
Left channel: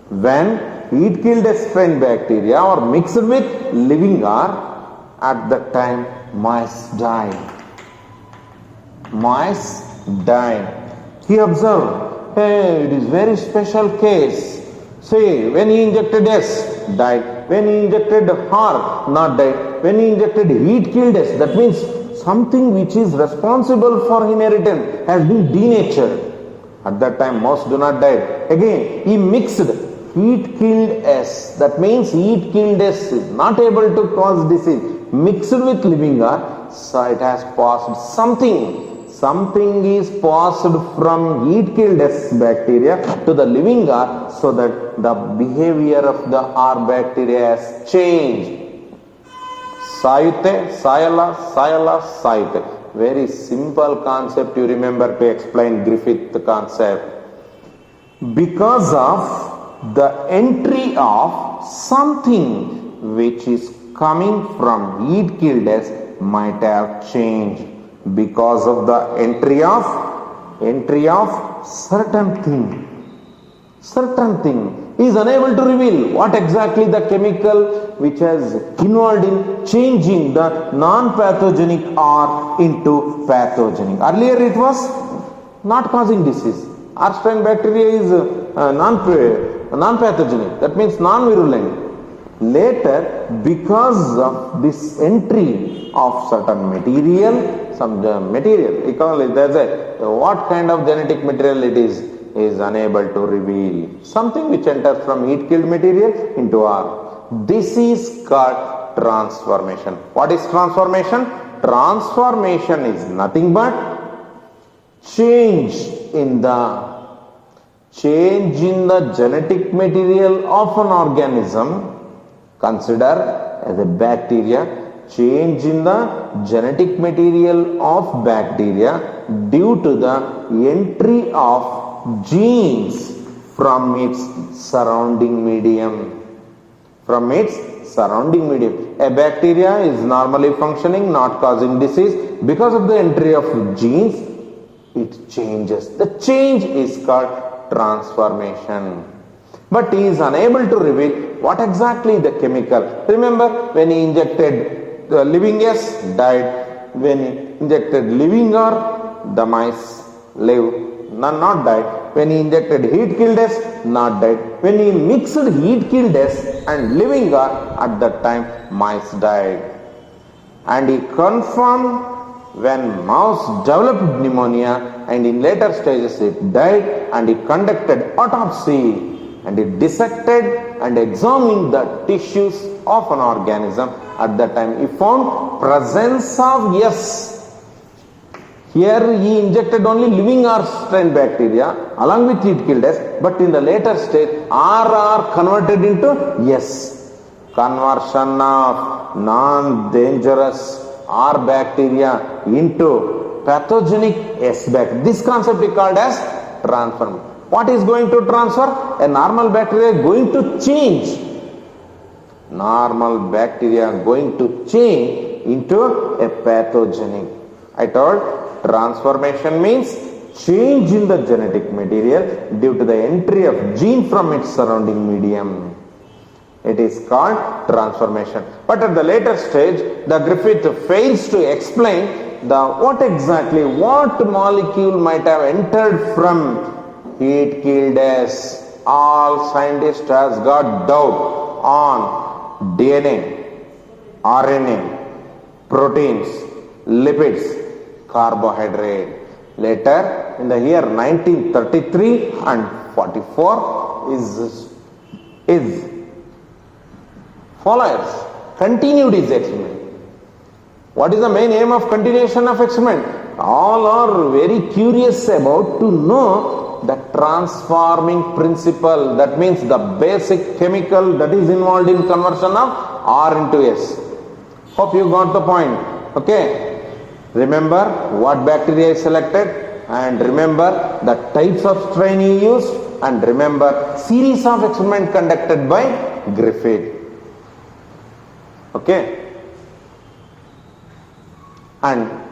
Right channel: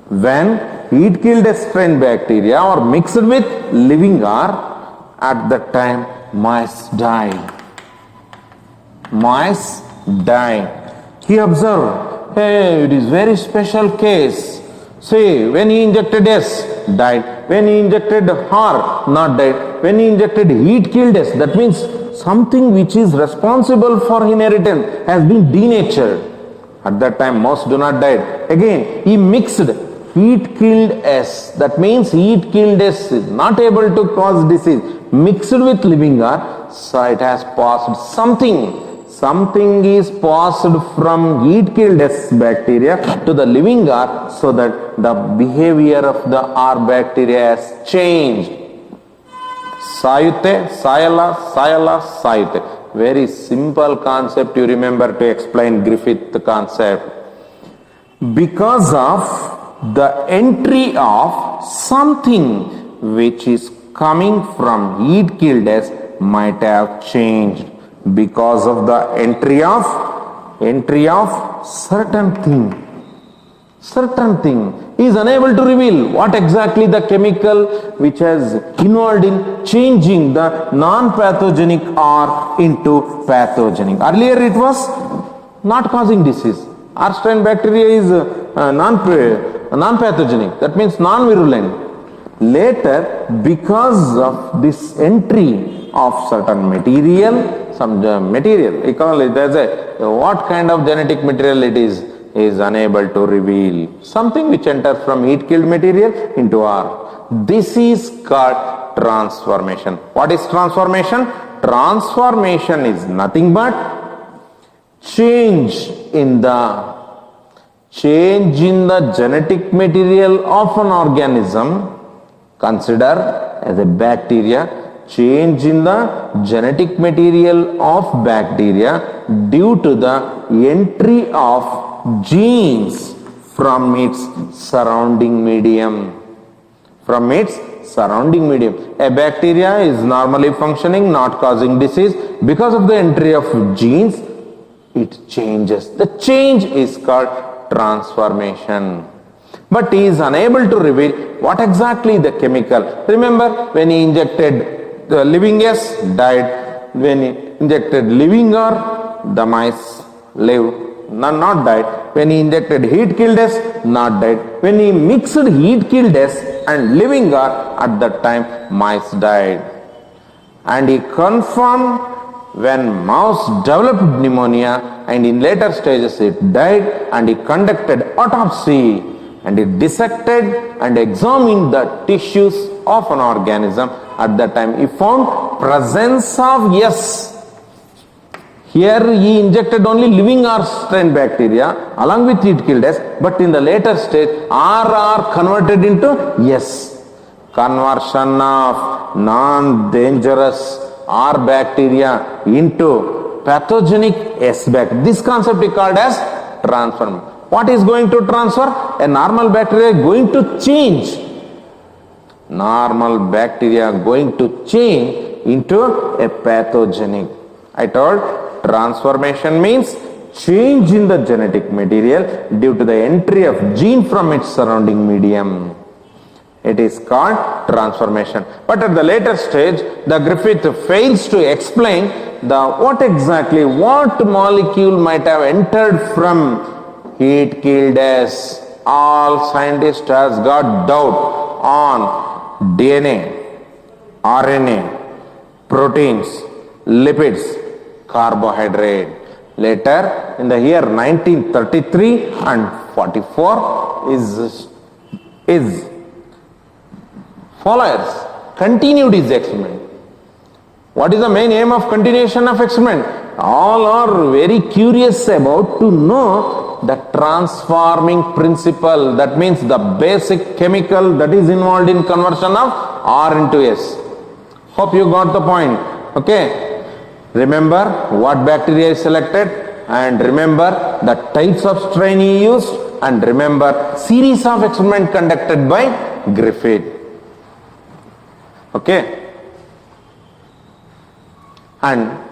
When heat-killed S strain bacteria are mixed with living R, at that time mice die. He observed, hey, it is very special case. Say, when he injected S, died. When he injected R, not died. When he injected heat, killed S. That means something which is responsible for inheritance has been denatured. At that time, mouse do not die. Again, he mixed heat killed S. That means heat killed S is not able to cause disease. Mixed with living R, so it has passed something. Something is passed from heat killed S bacteria to the living R, so that the behavior of the R bacteria has changed. Sayute, Sayala, Sayala, Sayute. Very simple concept you remember to explain Griffith concept. Because of the entry of something which is coming from heat killed S might have changed. Because of the entry of certain thing is unable to reveal what exactly the chemical which has involved in changing the non-pathogenic R into pathogenic. Earlier it was not causing disease. R strain bacteria is non-pathogenic, that means non-virulent. Later, because of this entry of certain material, some material, we call it as what kind of genetic material it is unable to reveal. Something which enters from heat killed material into R. This is called transformation. What is transformation? Transformation is nothing but change in the genetic material of an organism. Consider as a bacteria, change in the genetic material of bacteria due to the entry of genes from its surrounding medium. From its surrounding medium. A bacteria is normally functioning, not causing disease. Because of the entry of genes, it changes. The change is called transformation. But he is unable to reveal what exactly the chemical. Remember, when he injected the living S, died. When he injected living R, the mice lived, not died. When he injected heat killed S, not died. When he mixed heat killed S and living R, at that time mice died. And he confirmed when mouse developed pneumonia and in later stages it died, and he conducted autopsy. And it dissected and examined the tissues of an organism. At that time, he found presence of S. Here he injected only living R strain bacteria along with heat killed S, but in the later stage, R converted into S. Conversion of non-dangerous R bacteria into pathogenic S bacteria. This concept is called as transformation. What is going to transfer? A normal bacteria going to change. Normal bacteria going to change into a pathogenic. I told transformation means change in the genetic material due to the entry of gene from its surrounding medium. It is called transformation. But at the later stage, the Griffith fails to explain what molecule might have entered from heat killed S. All scientists has got doubt on DNA, RNA, proteins, lipids, carbohydrate. Later, in the year 1933 and 44, his followers continued his experiment. What is the main aim of continuation of experiment? All are very curious about to know the transforming principle, that means the basic chemical that is involved in conversion of R into S. Hope you got the point. Okay. Remember what bacteria is selected, and remember the types of strain he used, and remember series of experiment conducted by Griffith. Okay. And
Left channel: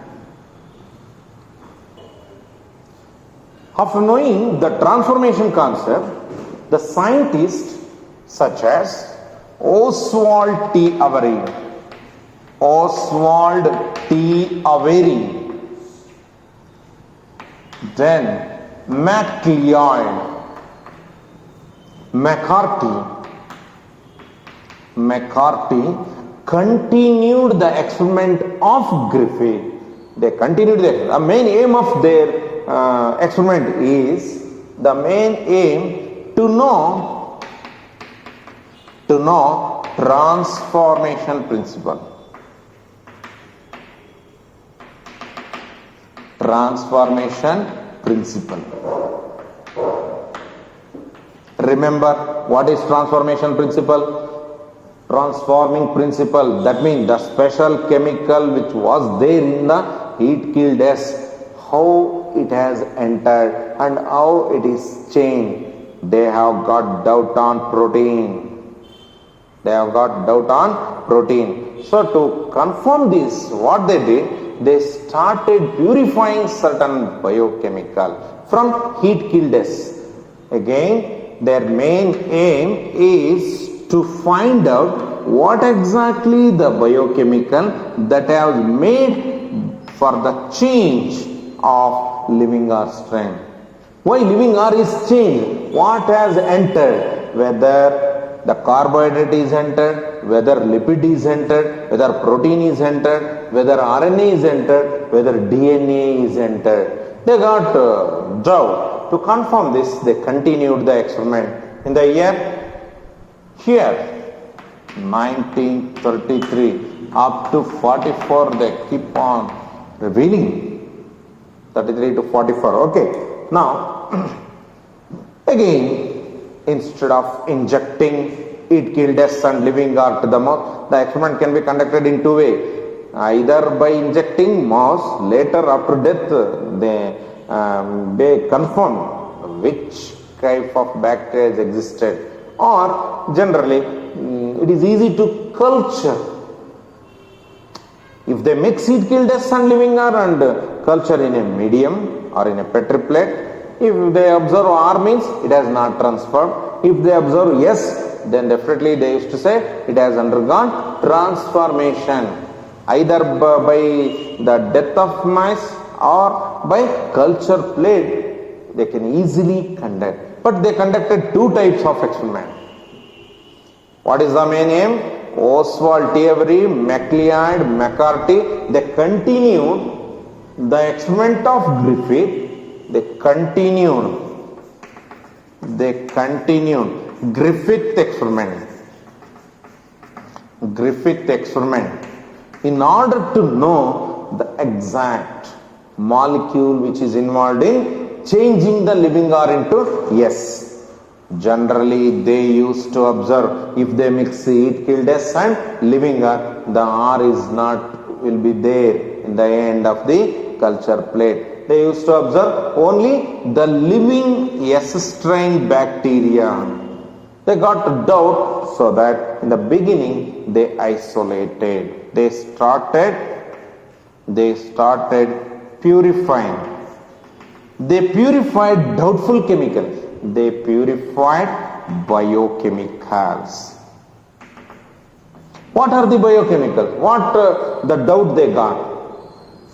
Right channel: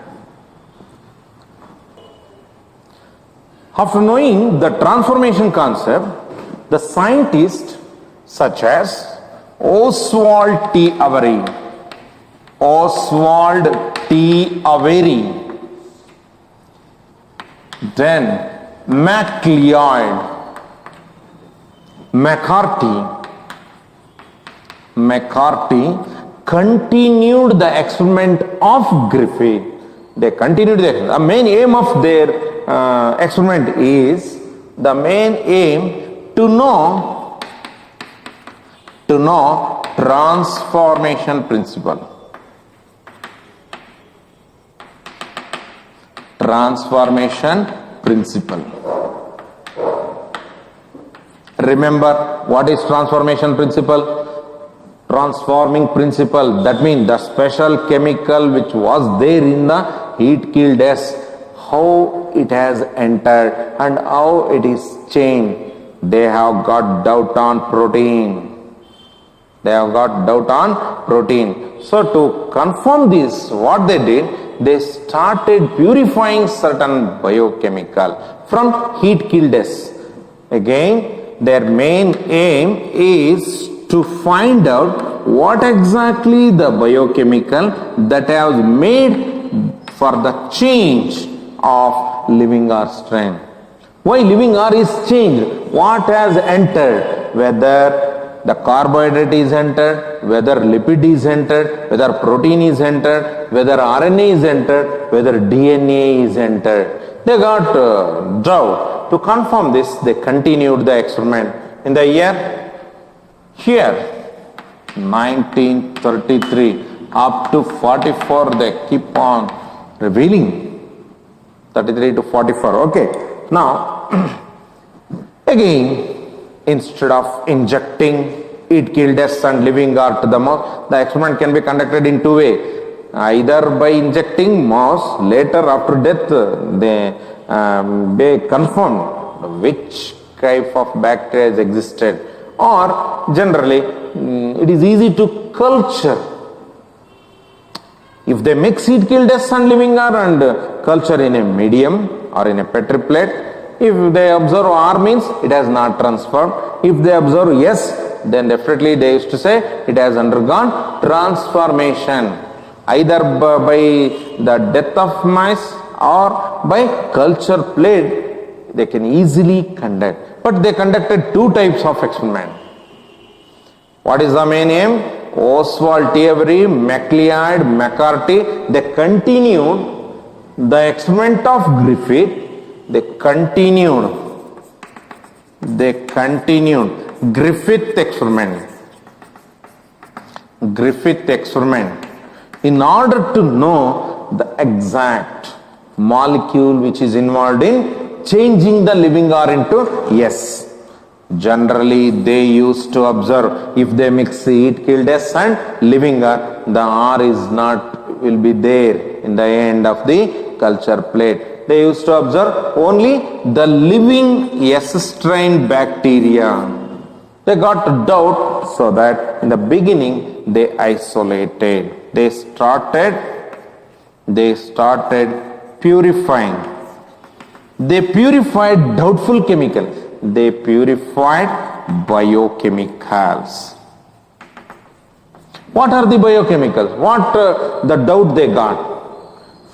after knowing the transformation concept, the scientists such as Oswald T. Avery, then MacLeod, McCarthy continued the experiment of Griffith. They continued the main aim of their experiment is the main aim to know transformation principle. Transformation principle. Remember what is transformation principle? Transforming principle, that means the special chemical which was there in the heat killed S, how it has entered and how it is changed. They have got doubt on protein. So to confirm this, what they did, they started purifying certain biochemical from heat killed S. Again, their main aim is to find out what exactly the biochemical that has made for the change of living R strain. Why living R is changed? What has entered? Whether the carbohydrate is entered, whether lipid is entered, whether protein is entered, whether RNA is entered, whether DNA is entered. They got doubt. To confirm this, they continued the experiment. In the year 1933 up to 44, they keep on revealing. 33 to 44. Okay. Now, again, instead of injecting heat killed S and living R to the mouse, the experiment can be conducted in two ways. Either by injecting mouse, later after death, they confirm which type of bacteria has existed, or generally it is easy to culture. If they mix heat killed S and living R and culture in a medium or in a petri plate, if they observe R means it has not transformed. If they observe S, then definitely they used to say it has undergone transformation, either by the death of mice or by culture plate. They can easily conduct. But they conducted two types of experiment. What is the main aim? Oswald T. Avery, MacLeod, McCarthy, they continued the experiment of Griffith. They continued Griffith experiment in order to know the exact molecule which is involved in changing the living R into S. Generally, they used to observe if they mix heat killed S and living R, the R will be there in the end of the culture plate. They used to observe only the living S strain bacteria. They got doubt, so that in the beginning they isolated. They started purifying. They purified doubtful chemicals. They purified biochemicals. What are the biochemicals? What the doubt they got?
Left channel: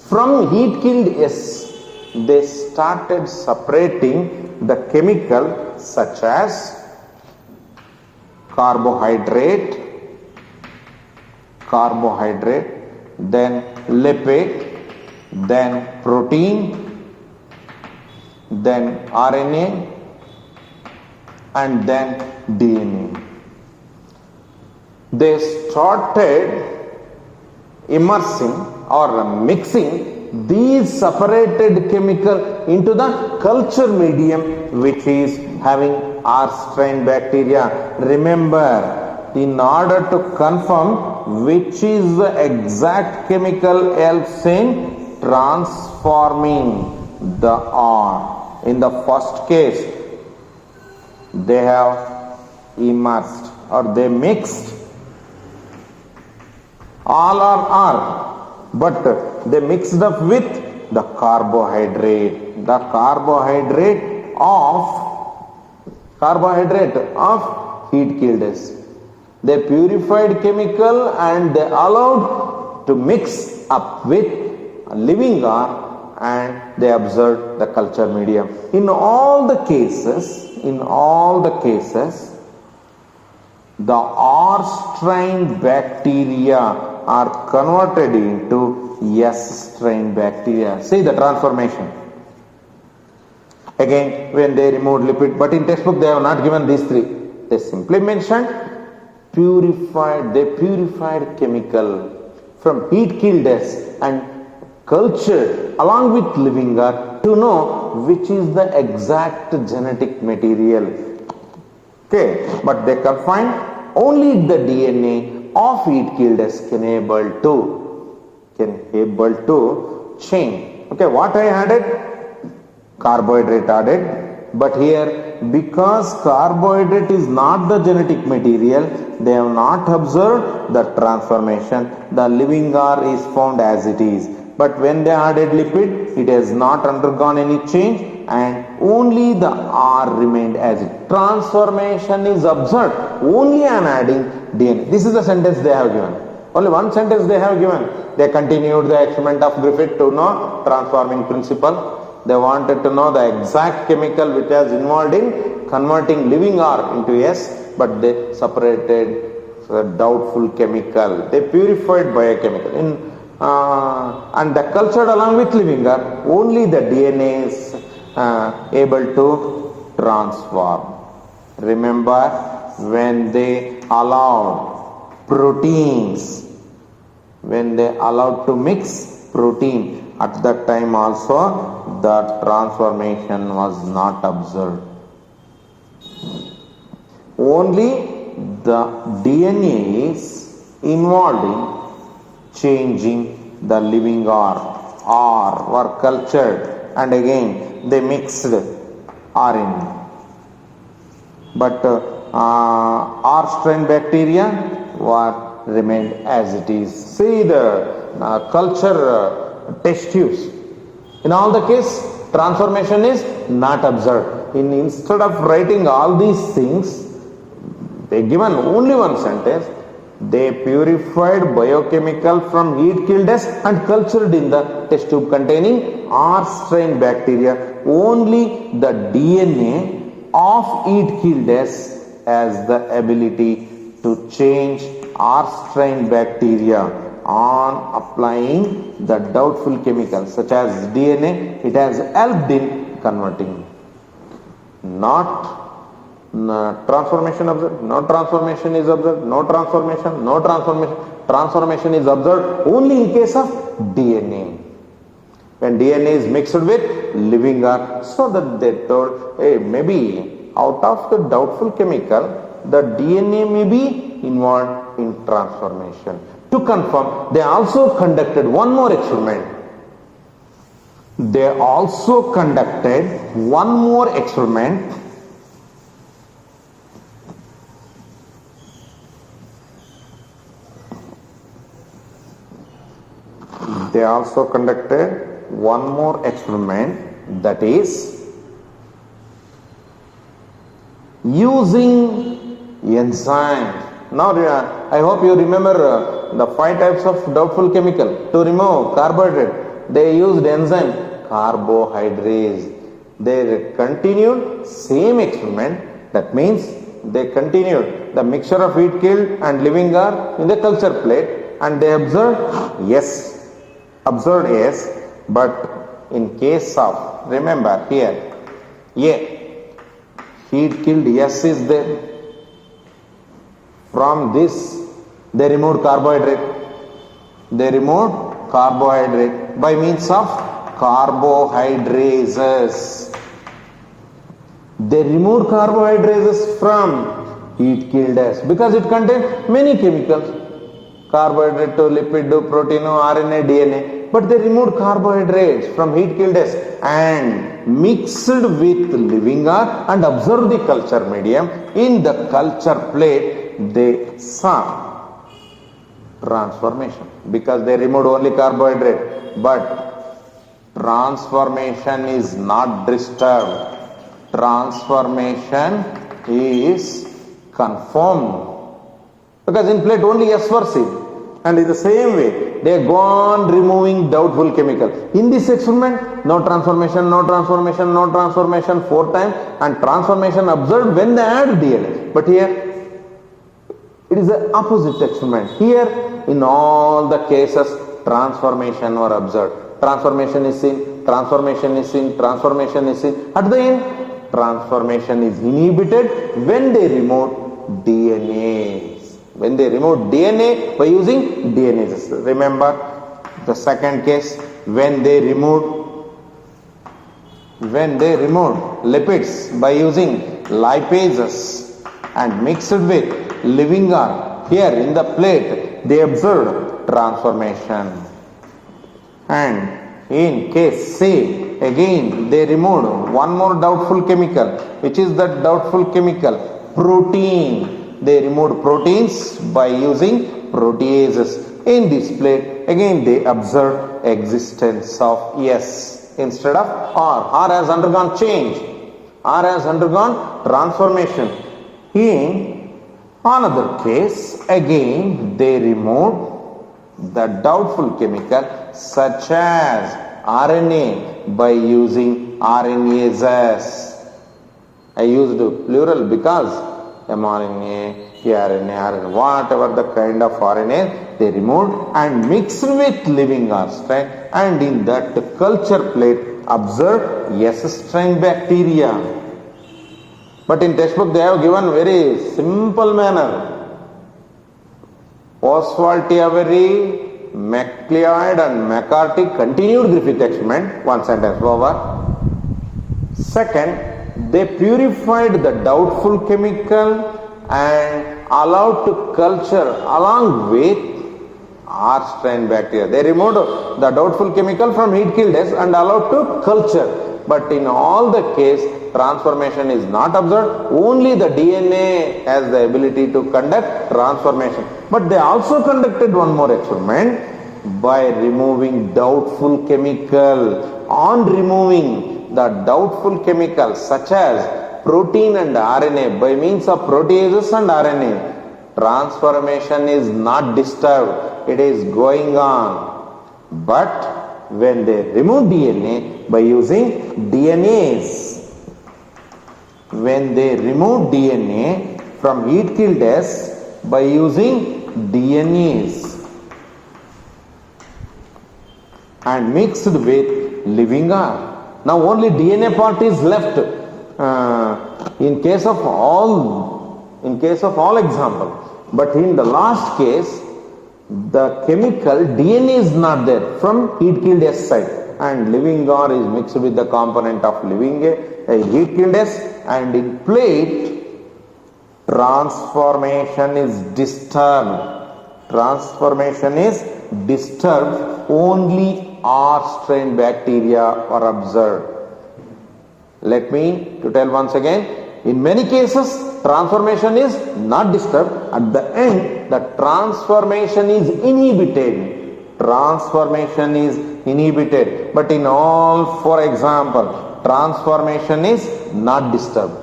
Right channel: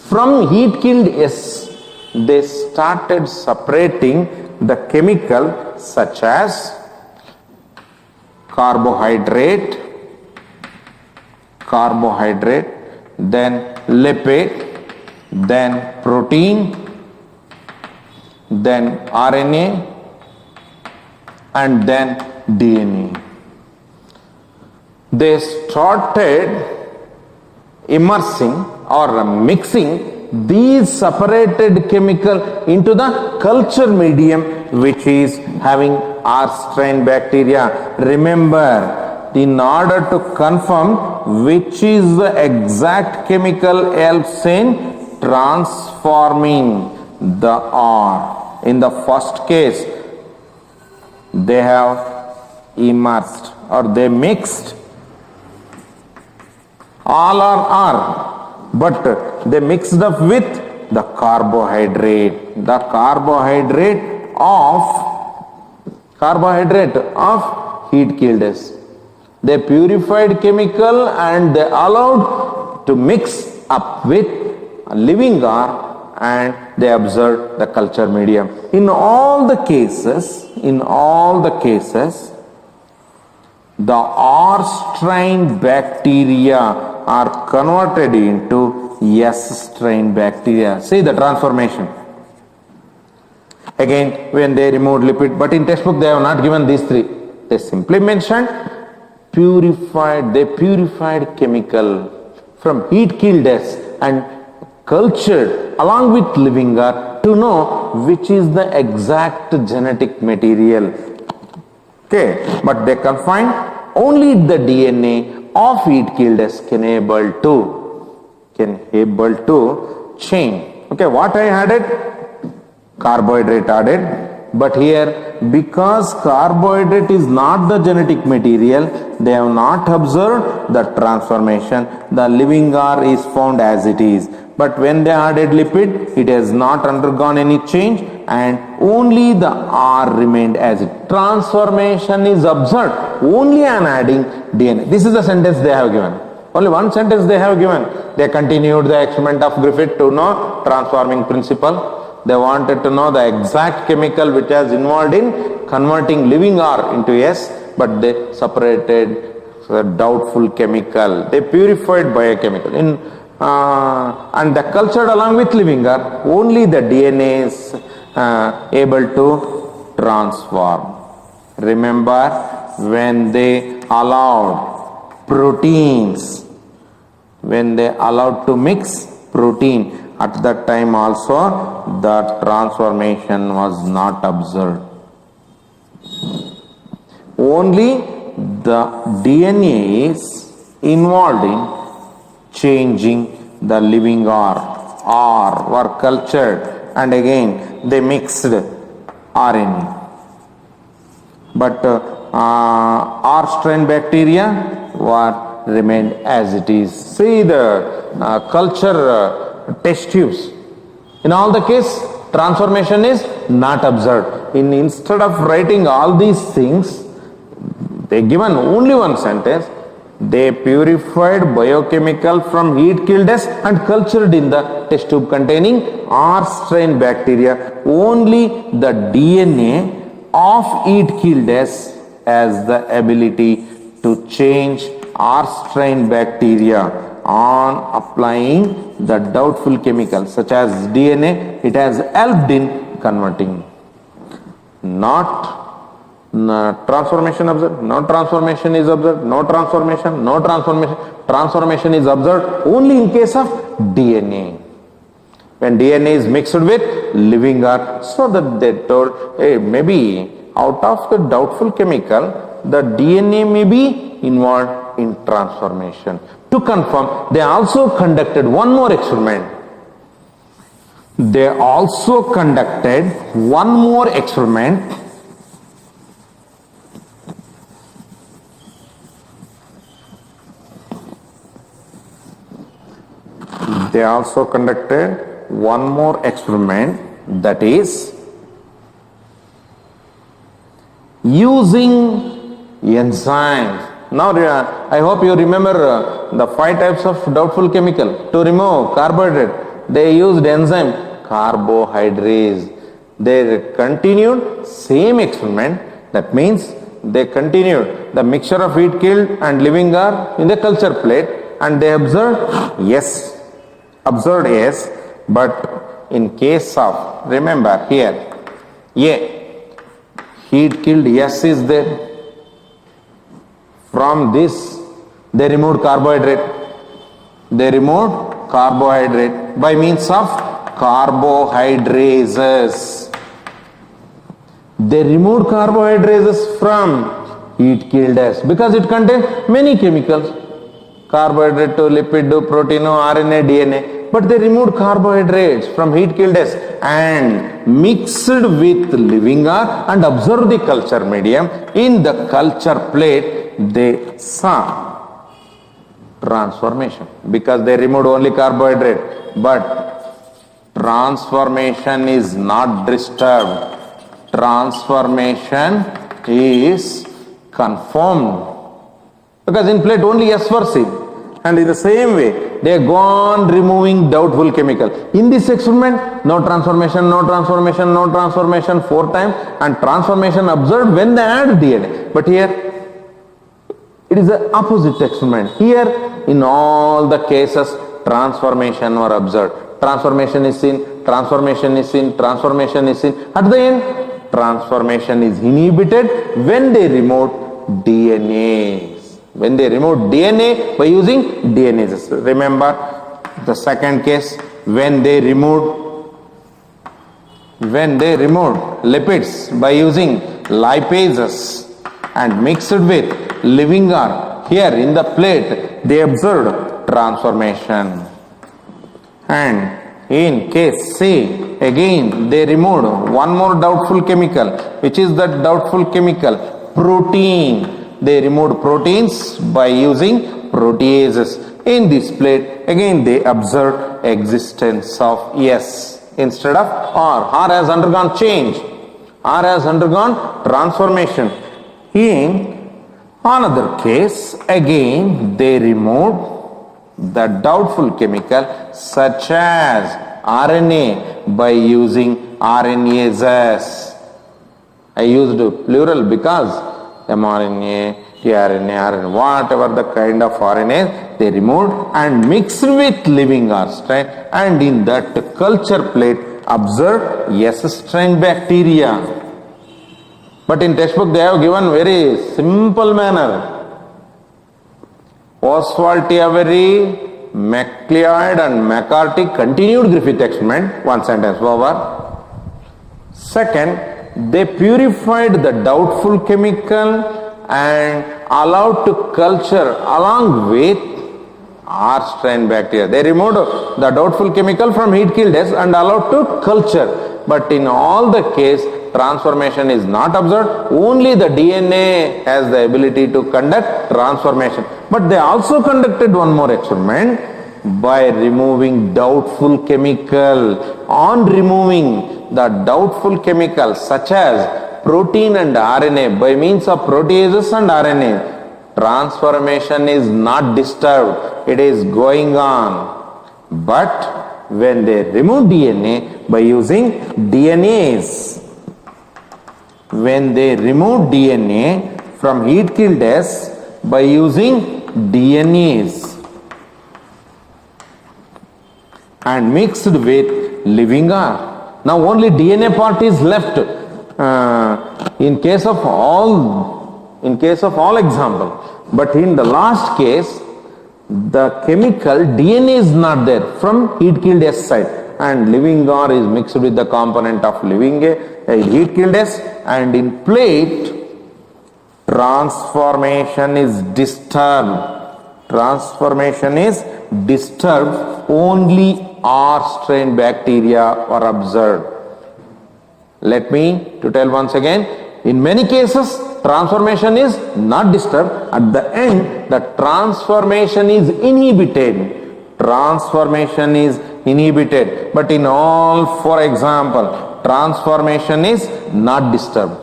From heat killed S, they started separating the chemical such as carbohydrate, then lipid, then protein, then RNA, and then DNA. They started immersing or mixing these separated chemical into the culture medium which is having R strain bacteria. Remember, in order to confirm which is the exact chemical helps in transforming the R. In the first case, they have immersed or they mixed. All are R, but they mixed up with the carbohydrate of heat killed S. They purified chemical and they allowed to mix up with living R, and they observed the culture medium. In all the cases, The R strain bacteria are converted into S strain bacteria. See the transformation. Again, when they removed lipid, but in textbook they have not given these three. They simply mentioned they purified chemical from heat killed S and cultured along with living R to know which is the exact genetic material. Okay, but they confined only the DNA of heat killed S can able to change. Okay, what I added? Carbohydrate added, but here because carbohydrate is not the genetic material, they have not observed the transformation. The living R is found as it is, but when they added lipid, it has not undergone any change and only the R remained as it. Transformation is observed only on adding DNA. This is the sentence they have given. Only one sentence they have given. They continued the experiment of Griffith to know transforming principle. They wanted to know the exact chemical which was involved in converting living R into S, but they separated the doubtful chemical. They purified biochemical. And they cultured along with living R, only the DNA is able to transform. Remember, when they allowed proteins, when they allowed to mix protein, at that time also the transformation was not observed. Only the DNA is involved in changing the living R were cultured and again they mixed RNA. But R strain bacteria what remained as it is. See the culture test tubes. In all the case, transformation is not observed. Instead of writing all these things, they given only one sentence. They purified biochemical from heat killed S and cultured in the test tube containing R strain bacteria. Only the DNA of heat killed S has the ability to change R strain bacteria on applying the doubtful chemicals such as DNA. It has helped in converting. Not transformation observed, no transformation is observed, no transformation, no transformation. Transformation is observed only in case of DNA. When DNA is mixed with living R, so that they told, hey, maybe out of the doubtful chemical, the DNA may be involved in transformation. To confirm, they also conducted one more experiment. They also conducted one more experiment. They also conducted one more experiment, that is using enzymes. Now I hope you remember the 5 types of doubtful chemical. To remove carbohydrate, they used enzyme carbohydrates. They continued same experiment. That means they continued the mixture of heat killed and living R in the culture plate and they observed yes, but in case of, remember here, heat killed S is there. From this, they removed carbohydrate. They removed carbohydrate by means of carbohydrases. They removed carbohydrates from heat killed S because it contains many chemicals. Carbohydrate to lipid to protein to RNA, DNA. But they removed carbohydrates from heat killed S and mixed with living R and observed the culture medium. In the culture plate, they saw transformation because they removed only carbohydrate. But transformation is not disturbed. Transformation is confirmed. Because in plate only S were seen. And in the same way, they go on removing doubtful chemical. In this experiment, no transformation, no transformation, no transformation 4 times and transformation observed when they add DNA. But here, It is the opposite experiment. Here, in all the cases, transformation were observed. Transformation is seen, transformation is seen, transformation is seen. At the end, transformation is inhibited when they removed DNAs. When they removed DNA by using DNases. Remember the second case, when they removed lipids by using lipases and mixed with living or here in the plate, they observed transformation. And in case C, again they removed one more doubtful chemical. Which is that doubtful chemical? Protein. They removed proteins by using proteases. In this plate, again they observed existence of S instead of R. R has undergone change. R has undergone transformation. In another case, again they removed the doubtful chemical such as RNA by using RNases. I used plural because mRNA, tRNA, whatever the kind of RNA they removed and mixed with living R strain, and in that culture plate observed S strain bacteria. But in textbook they have given very simple manner. Oswald T. Avery, MacLeod and McCarthy continued Griffith experiment. One sentence over. Second, they purified the doubtful chemical and allowed to culture along with R strain bacteria. They removed the doubtful chemical from heat killed S and allowed to culture. But in all the case, transformation is not observed. Only the DNA has the ability to conduct transformation. But they also conducted one more experiment by removing doubtful chemical. On removing the doubtful chemical such as protein and RNA by means of proteases and RNA, transformation is not disturbed. It is going on. But when they remove DNA by using DNase, when they remove DNA from heat killed S by using DNase and mixed with living R. Now only DNA part is left. In case of all example, but in the last case, the chemical DNA is not there from heat killed S side, and living R is mixed with the component of living heat killed S, and in plate transformation is disturbed. Transformation is disturbed. Only R strain bacteria are observed. Let me to tell once again. In many cases, transformation is not disturbed. At the end, the transformation is inhibited. Transformation is inhibited. But in all, for example, transformation is not disturbed.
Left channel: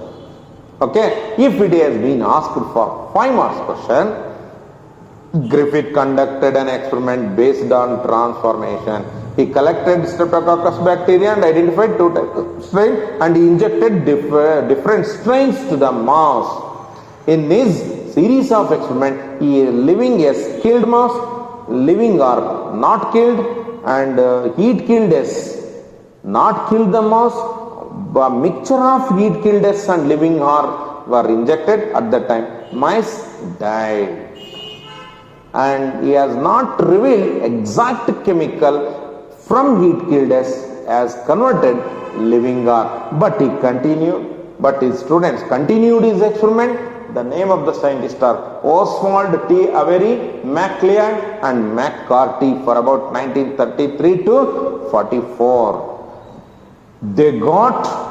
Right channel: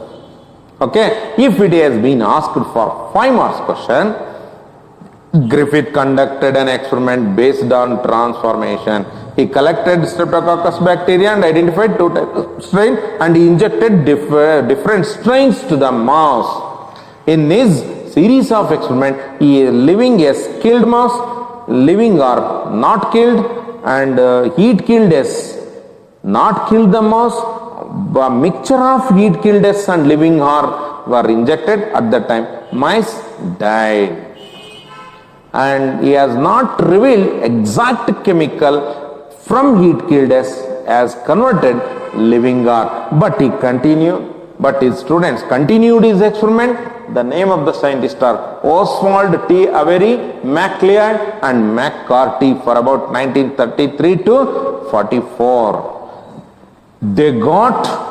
Okay? If it has been asked for 5 marks question, Griffith conducted an experiment based on transformation. He collected Streptococcus bacteria and identified 2 types of strain, and he injected different strains to the mouse. In this series of experiments, living S killed mouse, living R not killed, and heat killed S not killed the mouse. A mixture of heat killed S and living R were injected. At that time, mice died. And he has not revealed exact chemical from heat killed S as converted living R. But he continued, but his students continued his experiment. The name of the scientists are Oswald T. Avery, MacLeod and McCarthy for about 1933 to 44. They got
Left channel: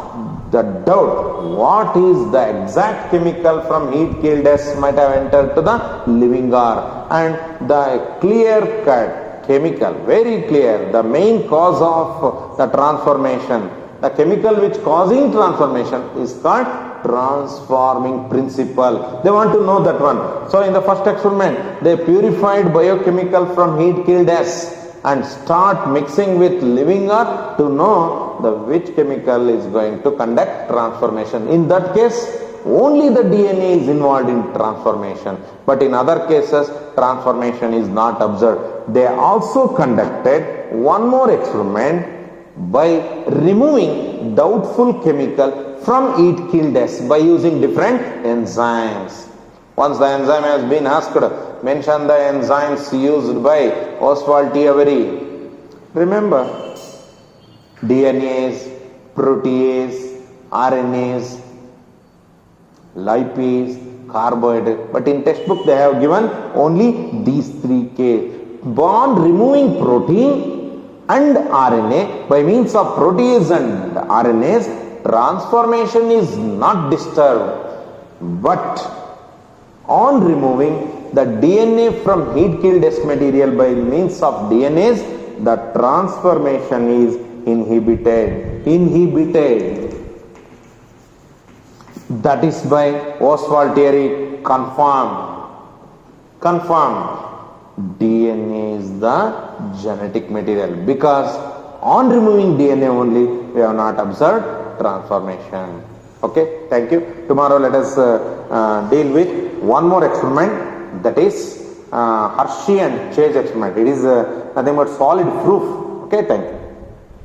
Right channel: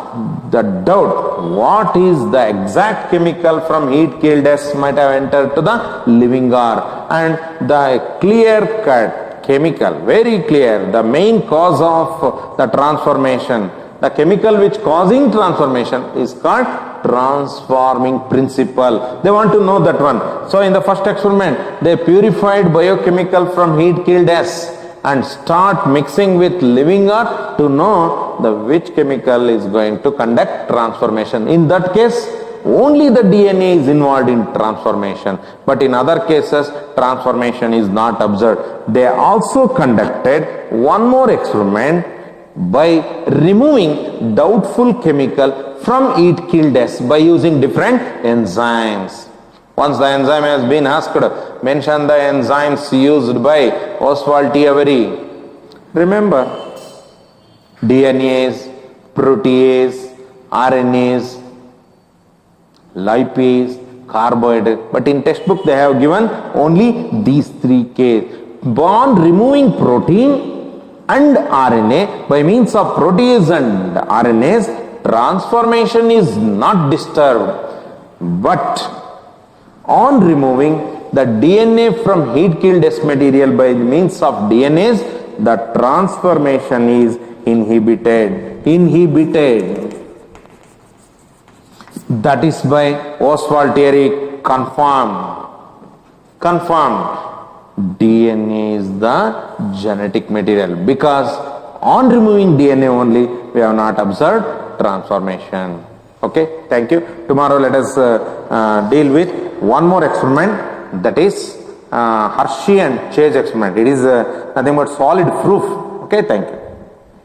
the doubt what is the exact chemical from heat killed S might have entered to the living R, and the clear cut chemical, very clear, the main cause of the transformation, the chemical which causing transformation is called transforming principle. They want to know that one. So in the first experiment, they purified biochemical from heat killed S and start mixing with living R to know the which chemical is going to conduct transformation. In that case, only the DNA is involved in transformation. But in other cases, transformation is not observed. They also conducted one more experiment by removing doubtful chemical from eat kill deaths by using different enzymes. Once the enzyme has been asked, mention the enzymes used by Oswald T. Avery. Remember, DNase, protease, RNase, lipase, carbohydrate. But in textbook they have given only these three cases. Bond removing protein and RNA by means of protease and RNase, transformation is not disturbed. But on removing the DNA from heat killed S material by means of DNase, the transformation is inhibited. That is by Oswald Thierry confirmed. DNA is the genetic material, because on removing DNA only we have not observed transformation. Okay, thank you. Tomorrow let us deal with one more experiment, that is Hershey and Chase experiment. It is nothing but solid proof. Okay, thank you.